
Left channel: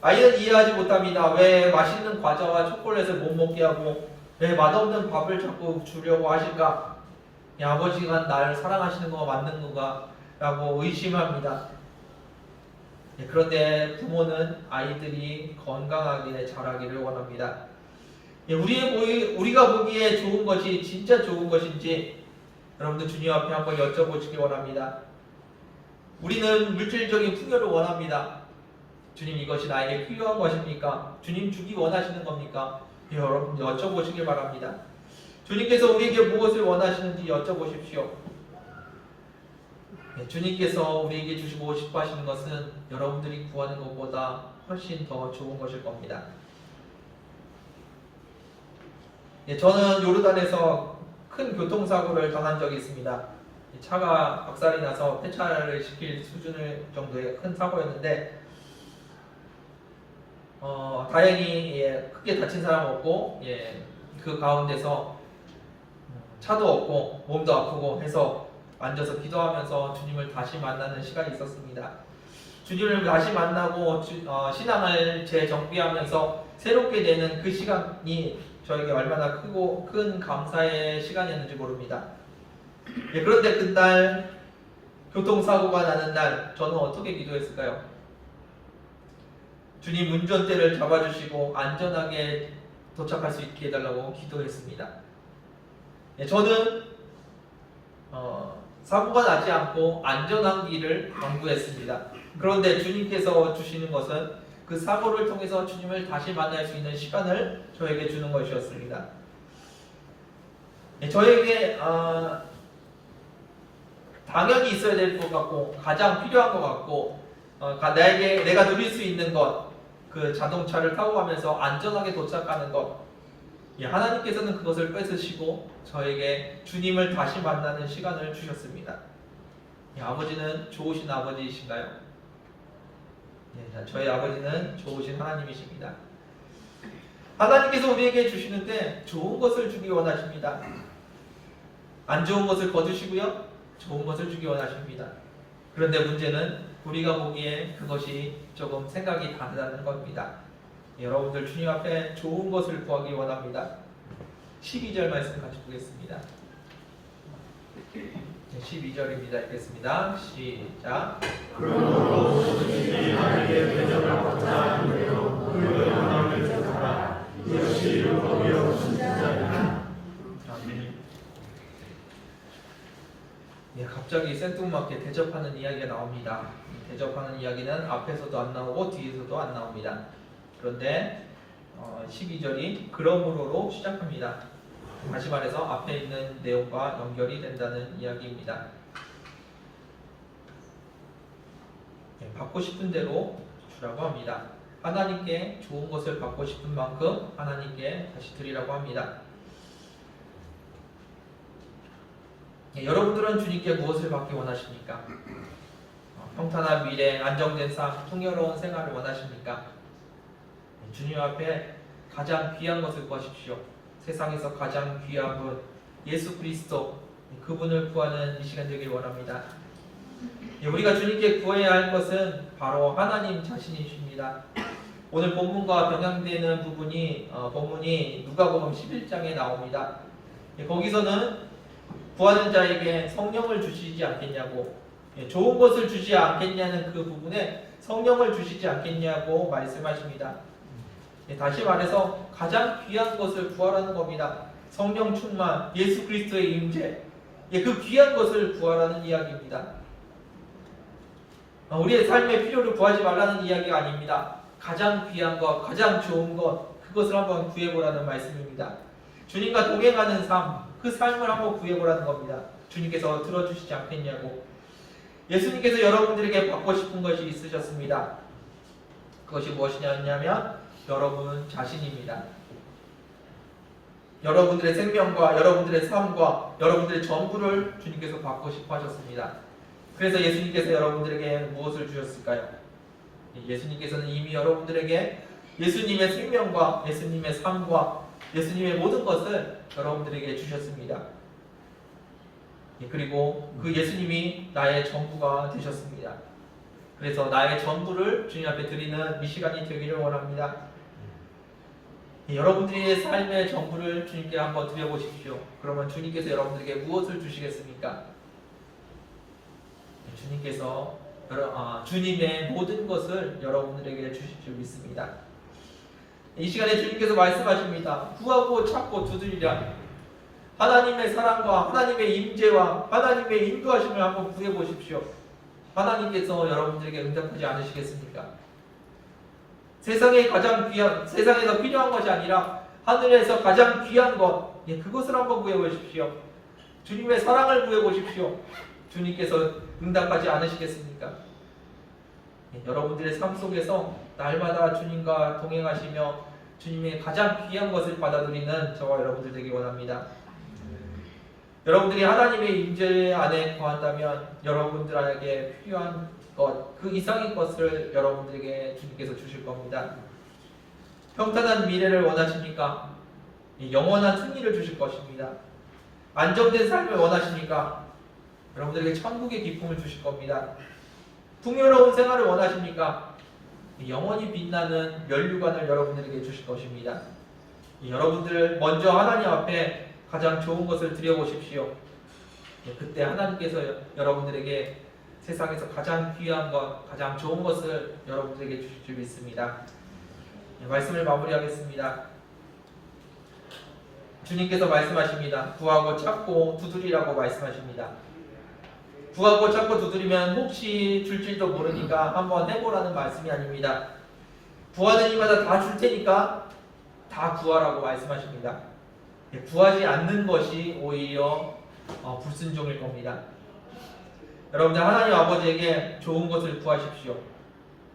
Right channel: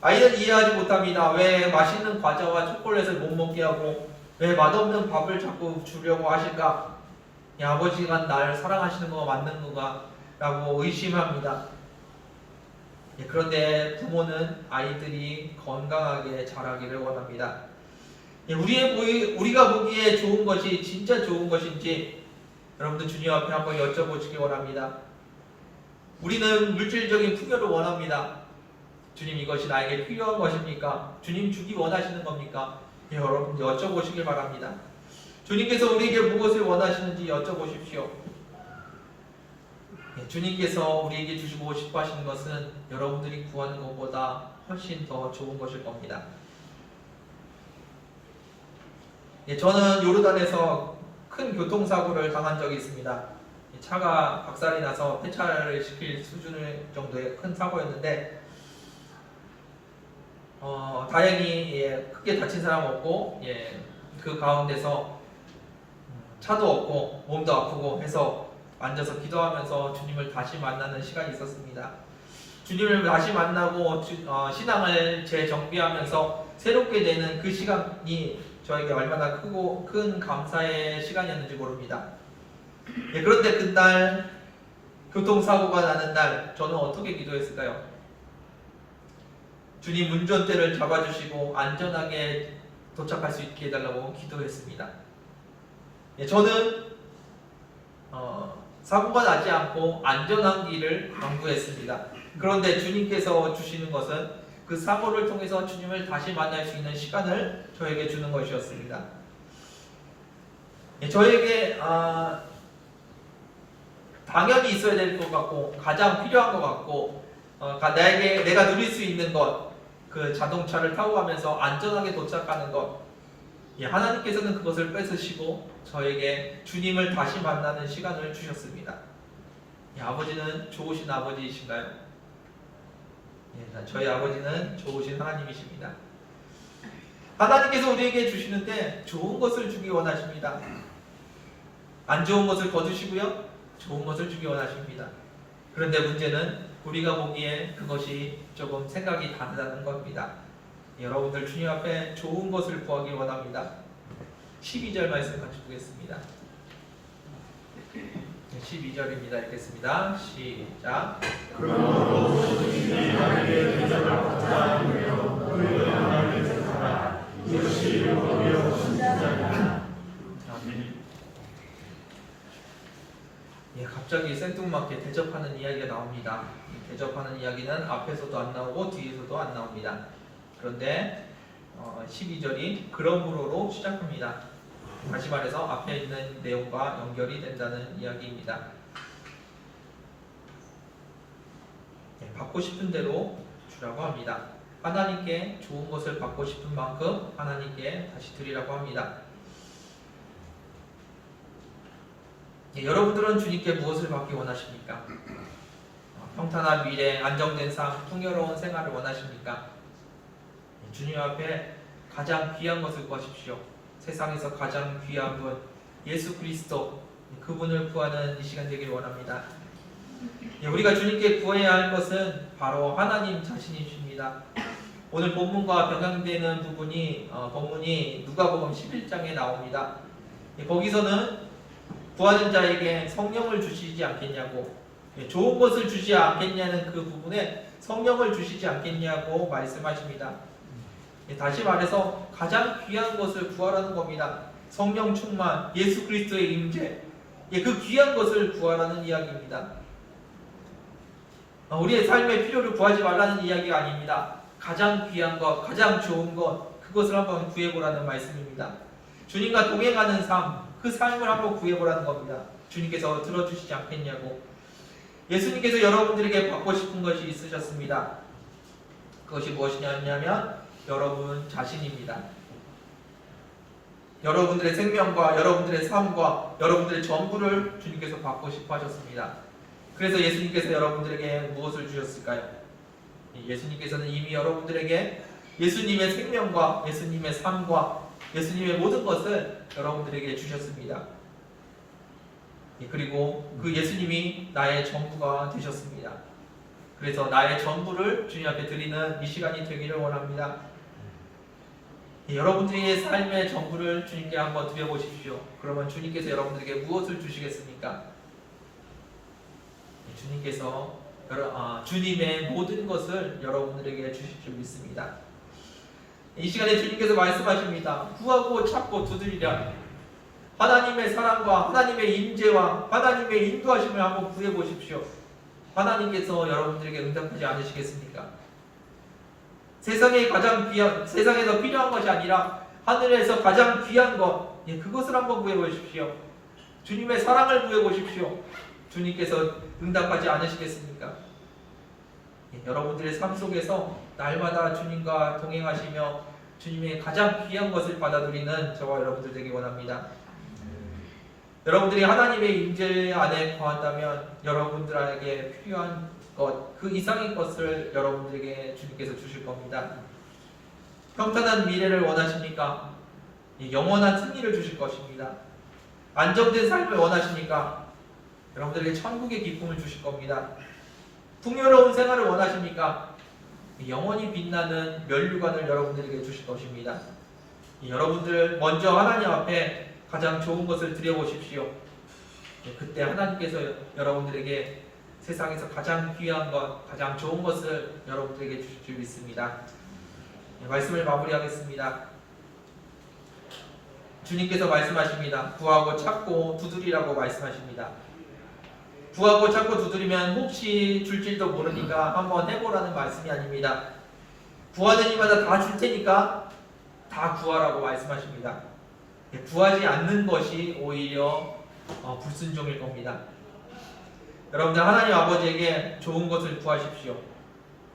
아이는 이해하지 못합니다. 왜 맛있는 과자와 초콜릿을 못 먹게 하고 왜 맛없는 밥을 자꾸 주려고 하실까? 아버지가 나를 사랑하시는 거 맞는 건가? 라고 의심합니다. 그런데 부모는 아이들이 건강하게 자라기를 원합니다. 우리가 보기에 좋은 것이 진짜 좋은 것인지 여러분들 주님 앞에 한번 여쭤보시기 원합니다. 우리는 물질적인 풍요를 원합니다. 주님, 이것이 나에게 필요한 것입니까? 주님 주기 원하시는 겁니까? 여러분 여쭤보시길 바랍니다. 주님께서 우리에게 무엇을 원하시는지 여쭤보십시오. 주님께서 우리에게 주시고 싶어 하시는 것은 여러분들이 구하는 것보다 훨씬 더 좋은 것일 겁니다. 저는 요르단에서 큰 교통사고를 당한 적이 있습니다. 차가 박살이 나서 폐차를 시킬 수준의 정도의 큰 사고였는데 다행히 크게 다친 사람 없고 그 가운데서 차도 없고 몸도 아프고 해서 앉아서 기도하면서 주님을 다시 만나는 시간이 있었습니다. 주님을 다시 만나고 신앙을 재정비하면서 새롭게 되는 그 시간이 저에게 얼마나 크고 큰 감사의 시간이었는지 모릅니다. 그런데 그날 교통사고가 나는 날 저는 어떻게 기도했을까요? 주님 운전대를 잡아주시고 안전하게 도착할 수 있게 해달라고 기도했습니다. 저는 사고가 나지 않고 안전한 길을 강구했습니다. 그런데 주님께서 주시는 것은 그 사고를 통해서 주님을 다시 만날 수 있는 시간을 저에게 주는 것이었습니다. 저에게 당연히 있어야 될 것 같고 가장 필요한 것 같고 내가 누릴 수 있는 것, 그 자동차를 타고 가면서 안전하게 도착하는 것, 하나님께서는 그것을 뺏으시고 저에게 주님을 다시 만나는 시간을 주셨습니다. 아버지는 좋으신 아버지이신가요? 저희 아버지는 좋으신 하나님이십니다. 하나님께서 우리에게 주시는데 좋은 것을 주기 원하십니다. 안 좋은 것을 거두시고요, 좋은 것을 주기 원하십니다. 그런데 문제는 우리가 보기에 그것이 조금 생각이 다르다는 겁니다. 여러분들 주님 앞에 좋은 것을 구하기 원합니다. 12절 말씀 같이 보겠습니다. 12절입니다. 읽겠습니다. 시작. 그러므로 주님이 나에게 대접을 받지 않으며 너희가 나를 대접하라. 이것이 율법이요 신자이다. 아멘. 갑자기 생뚱맞게 대접하는 이야기가 나옵니다. 대접하는 이야기는 앞에서도 안 나오고 뒤에서도 안 나옵니다. 그런데 12절이 그러므로로 시작합니다. 다시 말해서 앞에 있는 내용과 연결이 된다는 이야기입니다. 받고 싶은 대로 주라고 합니다. 하나님께 좋은 것을 받고 싶은 만큼 하나님께 다시 드리라고 합니다. 여러분들은 주님께 무엇을 받기 원하십니까? 평탄한 미래, 안정된 삶, 풍요로운 생활을 원하십니까? 주님 앞에 가장 귀한 것을 구하십시오. 세상에서 가장 귀한 분, 예수 그리스도, 그분을 구하는 이 시간 되길 원합니다. 우리가 주님께 구해야 할 것은 바로 하나님 자신이십니다. 오늘 본문과 병행되는 본문이 누가복음 11장에 나옵니다. 거기서는 구하는 자에게 성령을 주시지 않겠냐고, 좋은 것을 주지 않겠냐는 그 부분에 성령을 주시지 않겠냐고 말씀하십니다. 다시 말해서 가장 귀한 것을 구하라는 겁니다. 성령 충만, 예수 그리스도의 임재, 그 귀한 것을 구하라는 이야기입니다. 우리의 삶의 필요를 구하지 말라는 이야기가 아닙니다. 가장 귀한 것, 가장 좋은 것, 그것을 한번 구해보라는 말씀입니다. 주님과 동행하는 삶, 그 삶을 한번 구해보라는 겁니다. 주님께서 들어주시지 않겠냐고. 예수님께서 여러분들에게 받고 싶은 것이 있으셨습니다. 그것이 무엇이냐면 여러분 자신입니다. 여러분들의 생명과 여러분들의 삶과 여러분들의 전부를 주님께서 받고 싶어 하셨습니다. 그래서 예수님께서 여러분들에게 무엇을 주셨을까요? 예수님께서는 이미 여러분들에게 예수님의 생명과 예수님의 삶과 예수님의 모든 것을 여러분들에게 주셨습니다. 그리고 그 예수님이 나의 전부가 되셨습니다. 그래서 나의 전부를 주님 앞에 드리는 이 시간이 되기를 원합니다. 여러분들의 삶의 전부를 주님께 한번 드려보십시오. 그러면 주님께서 여러분들에게 무엇을 주시겠습니까? 주님께서 주님의 모든 것을 여러분들에게 주실 줄 믿습니다. 이 시간에 주님께서 말씀하십니다. 구하고 찾고 두드리라. 하나님의 사랑과 하나님의 임재와 하나님의 인도하심을 한번 구해보십시오. 하나님께서 여러분들에게 응답하지 않으시겠습니까? 세상에 가장 귀한, 세상에서 필요한 것이 아니라 하늘에서 가장 귀한 것, 그것을 한번 구해보십시오. 주님의 사랑을 구해보십시오. 주님께서 응답하지 않으시겠습니까? 여러분들의 삶 속에서 날마다 주님과 동행하시며 주님의 가장 귀한 것을 받아들이는 저와 여러분들 되기 원합니다. 여러분들이 하나님의 임재 안에 거한다면 여러분들에게 필요한 것, 그 이상의 것을 여러분들에게 주님께서 주실 겁니다. 평탄한 미래를 원하십니까? 영원한 승리를 주실 것입니다. 안정된 삶을 원하십니까? 여러분들에게 천국의 기쁨을 주실 겁니다. 풍요로운 생활을 원하십니까? 영원히 빛나는 면류관을 여러분들에게 주실 것입니다. 여러분들 먼저 하나님 앞에 가장 좋은 것을 드려보십시오. 그때 하나님께서 여러분들에게 세상에서 가장 귀한 것, 가장 좋은 것을 여러분들에게 주실 줄 믿습니다. 말씀을 마무리하겠습니다. 주님께서 말씀하십니다. 구하고 찾고 두드리라고 말씀하십니다. 구하고 찾고 두드리면 혹시 줄지도 모르니까 한번 해보라는 말씀이 아닙니다. 구하는 이마다 다 줄 테니까 다 구하라고 말씀하십니다. 구하지 않는 것이 오히려 불순종일 겁니다. 여러분들 하나님 아버지에게 좋은 것을 구하십시오.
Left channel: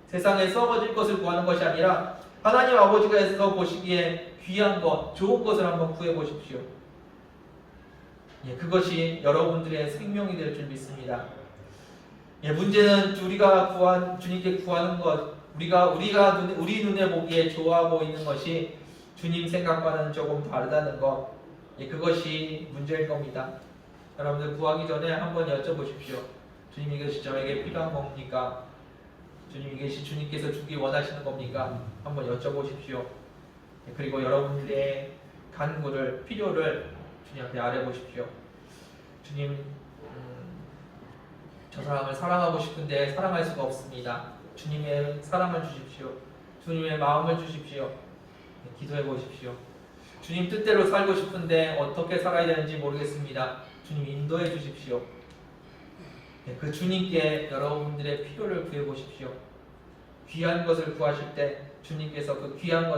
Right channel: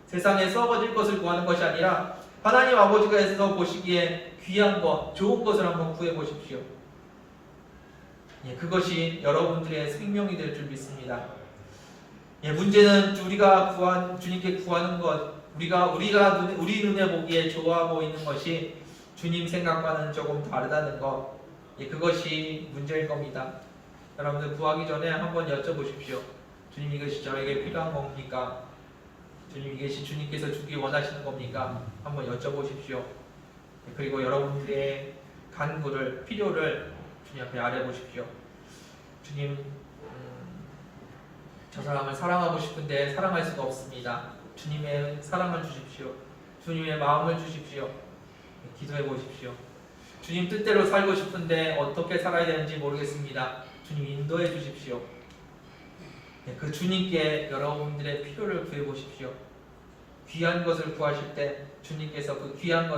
세상에 썩어질 것을 구하는 것이 아니라 하나님 아버지께서 보시기에 귀한 것, 좋은 것을 한번 구해보십시오. 그것이 여러분들의 생명이 될 줄 믿습니다. 문제는 우리가 주님께 구하는 것, 우리 눈에 보기에 좋아 보이는 것이 주님 생각과는 조금 다르다는 것, 그것이 문제일 겁니다. 여러분들 구하기 전에 한번 여쭤보십시오. 주님, 이것이 저에게 필요한 겁니까? 주님, 이것이 주님께서 주기 원하시는 겁니까? 한번 여쭤보십시오. 그리고 여러분들의 간구를, 필요를 주님 앞에 아뢰보십시오. 주님, 저 사람을 사랑하고 싶은데 사랑할 수가 없습니다. 주님의 사랑을 주십시오. 주님의 마음을 주십시오. 기도해 보십시오. 주님 뜻대로 살고 싶은데 어떻게 살아야 되는지 모르겠습니다. 주님 인도해 주십시오. 그 주님께 여러분들의 필요를 구해 보십시오. 귀한 것을 구하실 때 주님께서 그 귀한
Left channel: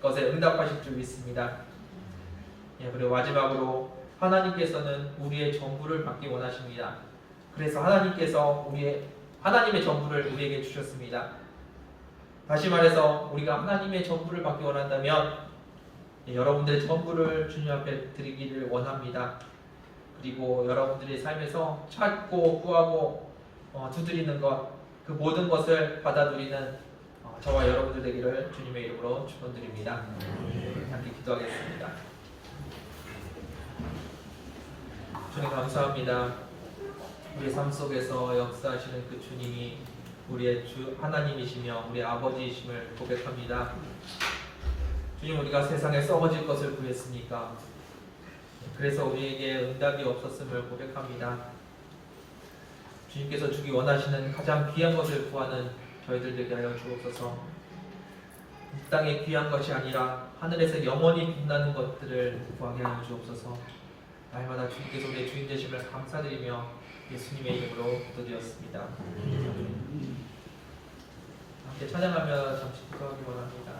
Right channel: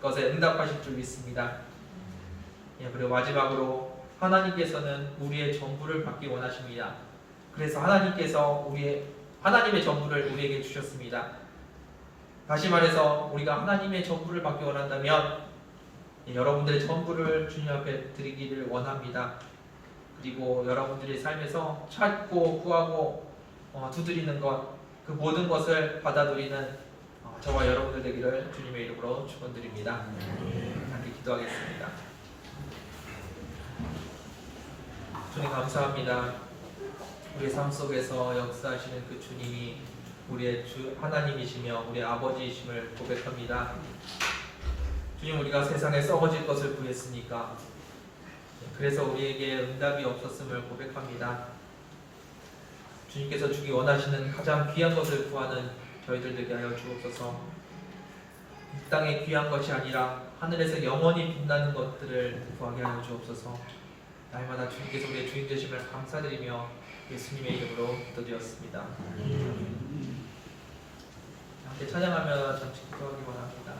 것에 응답하실 줄 믿습니다. 그리고 마지막으로 하나님께서는 우리의 전부를 받기 원하십니다. 그래서 하나님께서 하나님의 전부를 우리에게 주셨습니다. 다시 말해서 우리가 하나님의 전부를 받기 원한다면 여러분들의 전부를 주님 앞에 드리기를 원합니다. 그리고 여러분들의 삶에서 찾고 구하고 두드리는 것, 그 모든 것을 받아들이는 저와 여러분들 되기를 주님의 이름으로 축원드립니다. 함께 기도하겠습니다. 주님 감사합니다. 우리의 삶 속에서 역사하시는 그 주님이 우리의 주 하나님이시며 우리의 아버지이심을 고백합니다. 주님, 우리가 세상에 썩어질 것을 구했으니까 그래서 우리에게 응답이 없었음을 고백합니다. 주님께서 주기 원하시는 가장 귀한 것을 구하는 저희들 되게 하여 주옵소서. 이 땅의 귀한 것이 아니라 하늘에서 영원히 빛나는 것들을 구하게 하여 주옵소서. 날마다 주님께서 우리의 주인 되심을 감사드리며 예수님의 이름으로 기도드렸습니다. 함께 찬양하며 잠시 기도하기 원합니다.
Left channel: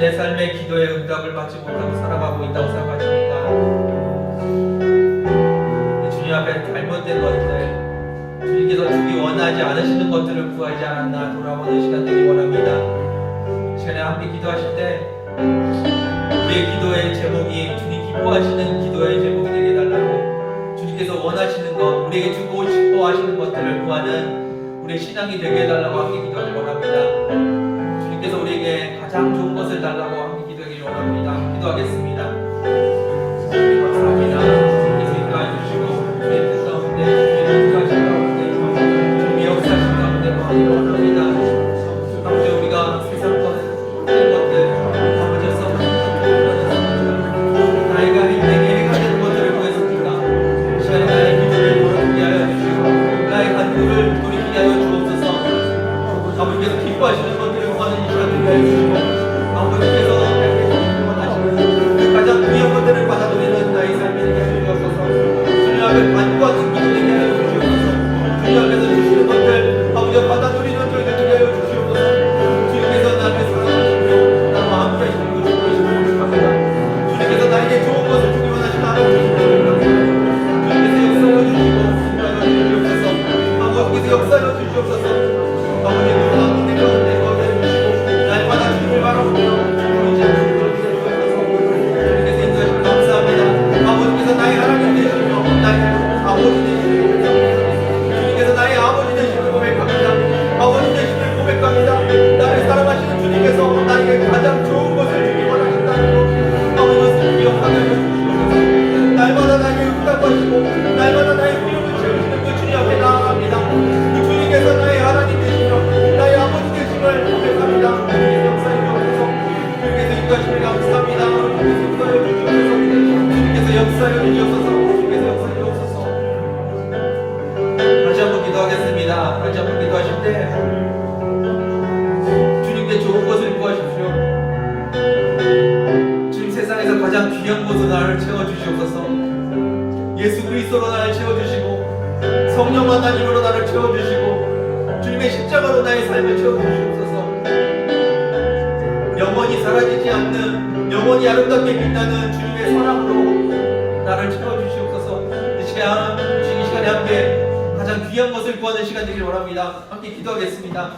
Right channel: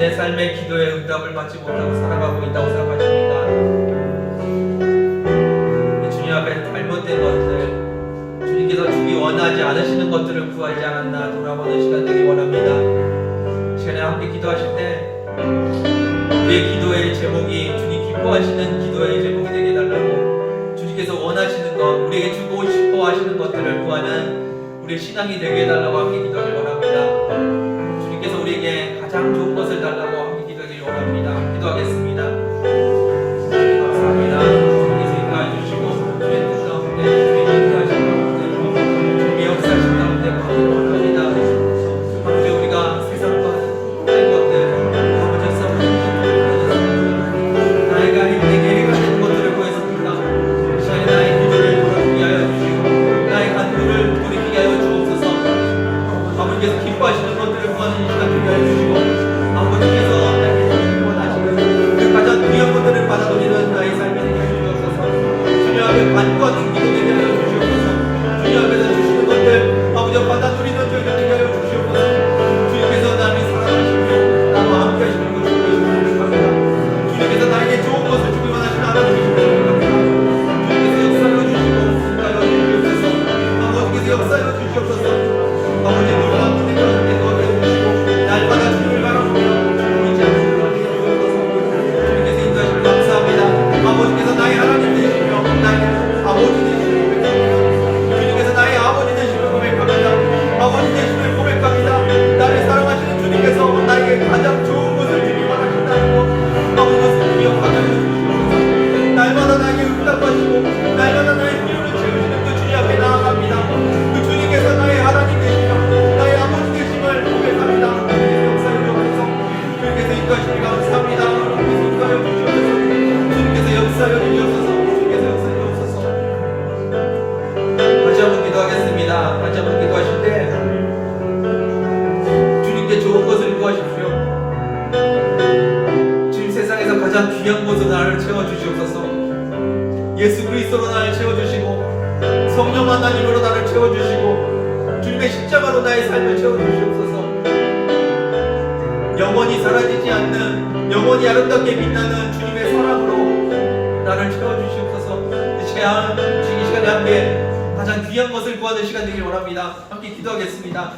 내 삶의 기도에 응답을 받지 못하고 살아가고 있다고 생각하십니까? 주님 앞에 잘못된 것들, 주님께서 주기 원하지 않으시는 것들을 구하지 않았나 돌아보는 시간 되기 원합니다. 시간에 함께 기도하실 때 우리의 기도의 제목이 주님 기뻐하시는 기도의 제목이 되게 해달라고, 주님께서 원하시는 것, 우리에게 주고 싶어 하시는 것들을 구하는 우리의 신앙이 되게 해달라고 함께 기도하기 원합니다. 주님께서 우리에게 가장 좋은 것을 달라고 함께 기도하기 원합니다. 기도하겠습니다. 주님 감사합니다. 주님께서 인도해 주시고 주의 뜻 가운데, 주의 인도하신 가운데, 주님의 역사하신 가운데 구하기 원합니다. 아버지, 우리가 세상 것된 것들, 아버지 나이가 내게 해가 되는 것들을 구했습니까? 이 시간에 나의 기도를 돌아보게 하여 주시고 나의 간구를 돌이키게 하여 주옵소서. 아버지께서 기뻐하시는 것들을 구하는 이 시간 되게 하여 주시고, 아버지께서 가장 귀한 곳으로 나를 채워주시옵소서. 예수 그리스도로 나를 채워주시고 성령 하나님으로 나를 채워주시고 주님의 십자가로 나의 삶을 채워주시옵소서. 영원히 사라지지 않는 영원히 아름답게 빛나는 주님의 사랑으로 나를 채워주시옵소서. 이 시간에 함께 가장 귀한 것을 구하는 시간 되길 원합니다. 함께 기도하겠습니다.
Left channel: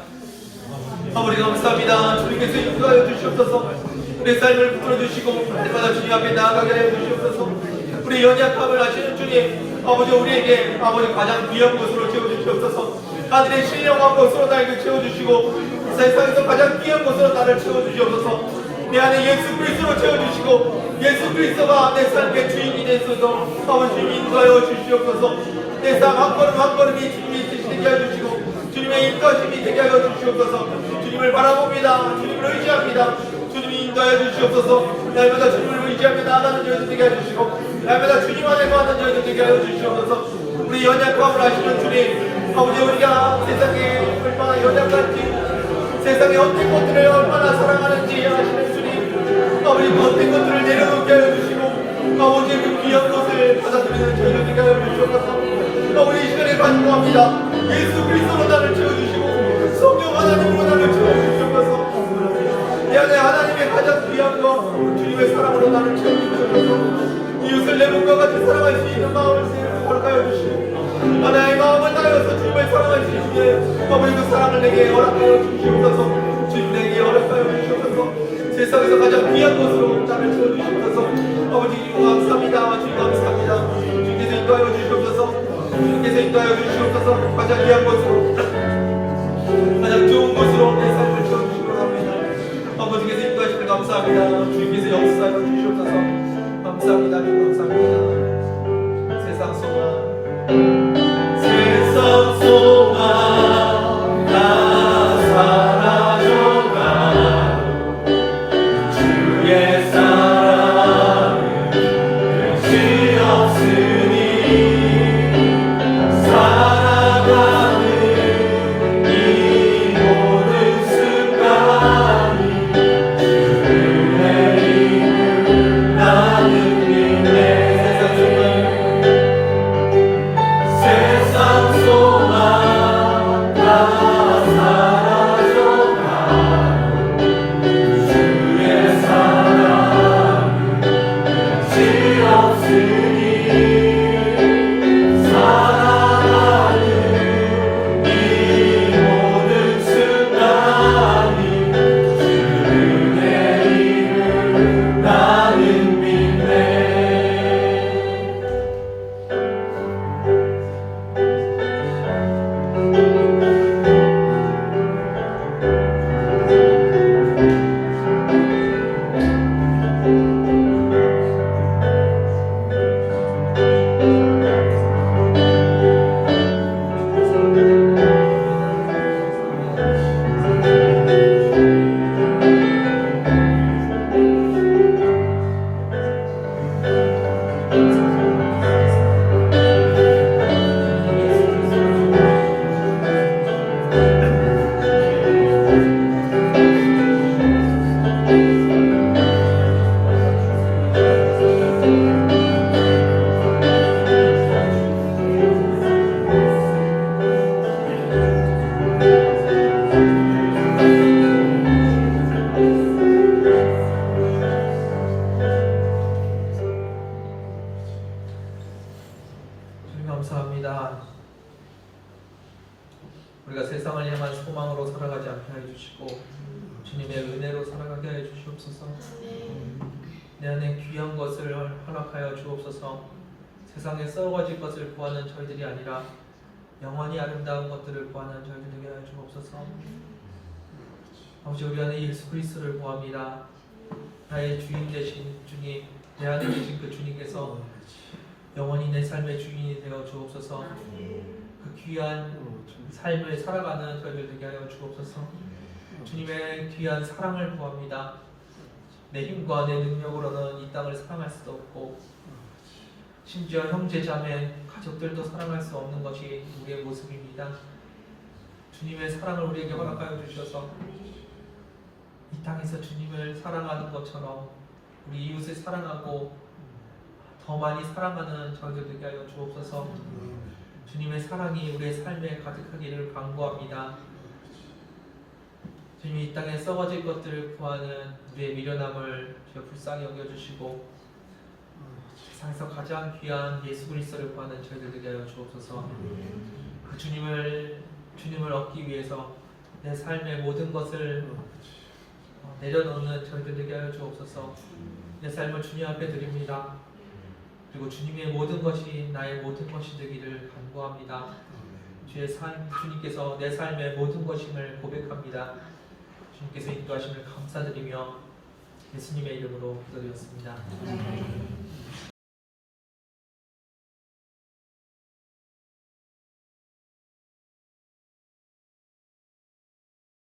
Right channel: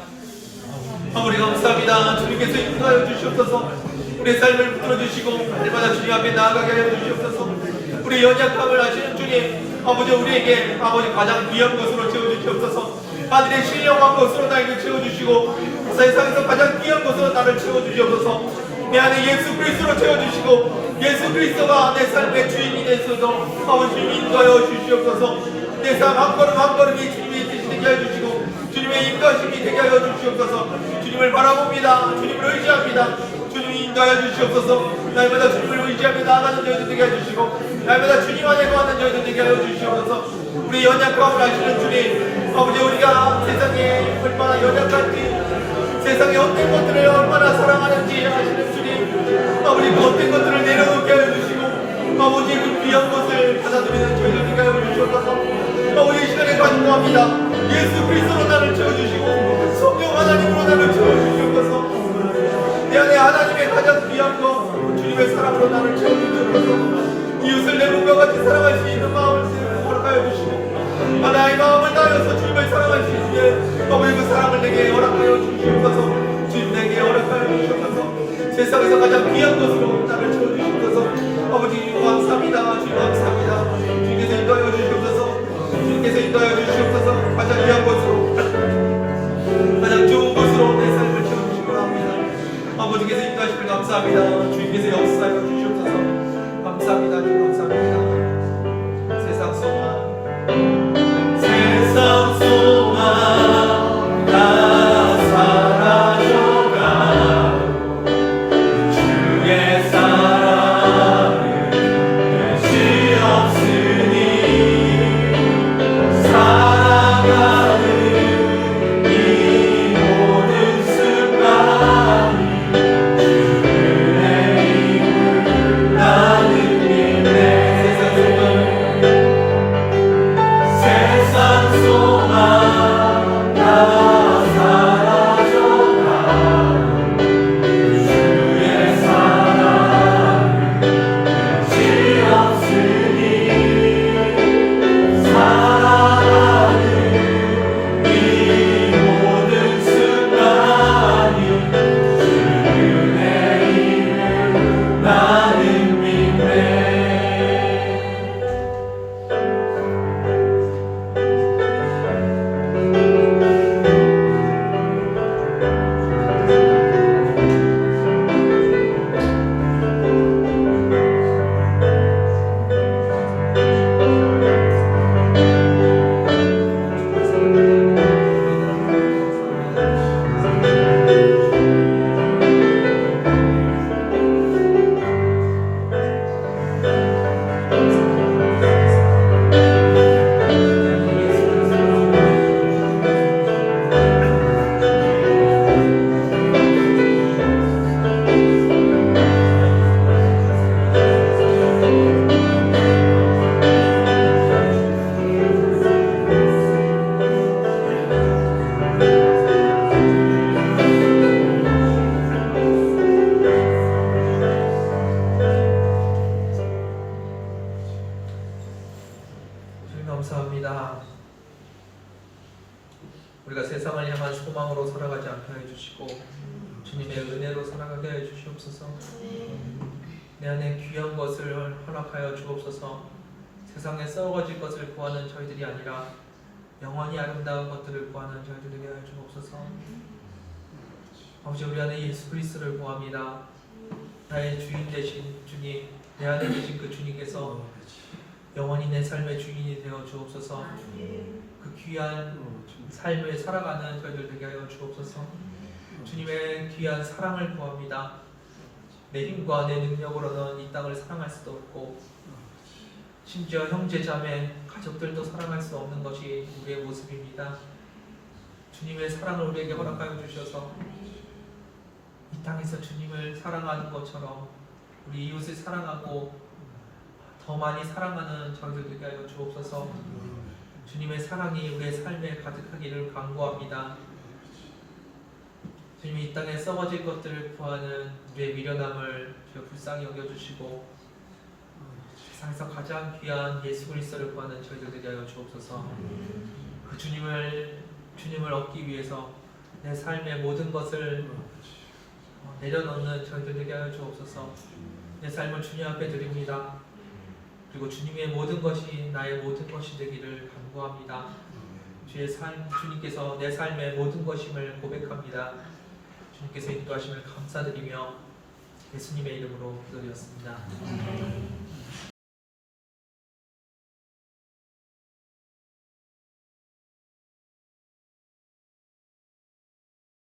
아버지 감사합니다. 주님께서 인도하여 주시옵소서. 우리의 삶을 붙들어 주시고 날마다 주님 앞에 나아가게 하여 주시옵소서. 우리의 연약함을 아시는 주님, 아버지 우리에게 아버지 가장 귀한 것으로 채워주시옵소서. 하늘의 신령한 것으로 나에게 채워주시고 세상에서 가장 귀한 것으로 나를 채워주시옵소서. 내 안에 예수 그리스도로 채워주시고 예수 그리스도가 내 삶의 주인이 되소서. 아버지 주님 인도하여 주시옵소서. 내 삶 한 걸음 한 걸음이 주님의 뜻이 되게 하여 주시고 주님의 인도하심이 되게 하여 주시옵소서. 주님을 바라봅니다. 주님을 의지합니다. 주님이 인도하여 주시옵소서. 날마다 주님을 의지하며 나아가는 저희들 되게 하여 주시고 날마다 주님 안에 거하는 저희들 되게 하여 주시옵소서. 우리 연약함을 아시는 주님, 아버지 우리가 세상에 얼마나 연약한지 세상의 어떤 것들을 얼마나 사랑하는지 아시는 주님, 아버지 그 어떤 것들을 내려놓게 하여 주시고 아버지 그 귀한 것을 받아들이는 저희들 되게 하여 주시옵소서. 아버지 이 시간에 간구합니다. 예수 그리스도로 나를 채워주시고 성령 하나님으로 나를 채워주시옵소서. 내 안에 하나님의 가장 귀한 것 주님의 사랑으로 나를 채워주시옵소서. 이웃을 내 몸과 같이 사랑할 수 있는 마음을 허락하여 주시고 하나의 마음을 다하여서 주님을 사랑할 수 있는 아버지 그 사랑을 내게 허락하여 주시옵소서. 주님 내게 허락하여 주시옵소서. 세상에서 가장 귀한 것으로 나를 채워주시옵소서. 아버지 주님 감사합니다. 주님 감사합니다. 주님께서 인도하여 주시옵소서. 주님께서 인도하여 주시옵소서. 가장 귀한 것으로 가장 좋은 것으로 내 삶을 채워주시기 바랍니다. 아버지께서 인도하시길 감사합니다. 주님께서 역사하여 주시옵소서. 감사합니다. 주님 감사합니다. 세상 소망 세상 소망 다 사라져가 주의 사랑은 끝이 없으니 감사합니다. 우리가 세상을 향한 소망으로 살아가지 않게 해주시고 주님의 은혜로 살아가게 해주시옵소서. 내 안에 귀한 것을 허락하여 주옵소서. 세상에 썩어질 것을 구하는 저희들이 아니라 영원히 아름다운 것들을 구하는 저희들에게 하여 주옵소서. 아버지 우리 안에 예수 그리스도를 구합니다. 나의 주인 되신 주님, 내 안에 계신 그 주님께서 영원히 내 삶의 주인이 되어 주옵소서. 그 귀한 삶을 살아가는 저희들 되게 하여 주옵소서. 주님의 귀한 사랑을 구합니다. 내 힘과 내 능력으로는 이 땅을 사랑할 수도 없고 심지어 형제 자매 가족들도 사랑할 수 없는 것이 우리의 모습입니다. 주님의 사랑을 우리에게 허락하여 주셔서 이 땅에서 주님을 사랑하는 것처럼 우리 이웃을 사랑하고 더 많이 사랑하는 저희들 되게 하여 주옵소서. 주님의 사랑이 우리의 삶에 가득하기를 간구합니다. 주님이 이 땅에 썩어질 것들을 구하는 우리의 미련함을 주여 불쌍히 여겨주시고 세상에서 가장 귀한 예수 그리스도를 구하는 저희들 되게 하여 주옵소서. 그 주님을 얻기 위해서 내 삶의 모든 것을 내려놓는 저희들 되게 하여 주옵소서. 내 삶을 주님 앞에 드립니다. 그리고 주님의 모든 것이 나의 모든 것이 되기를 간구합니다. 주님께서 내 삶의 모든 것임을 고백합니다. 주님께서 인도하심을 감사드리며 예수님의 이름으로 기도드렸습니다.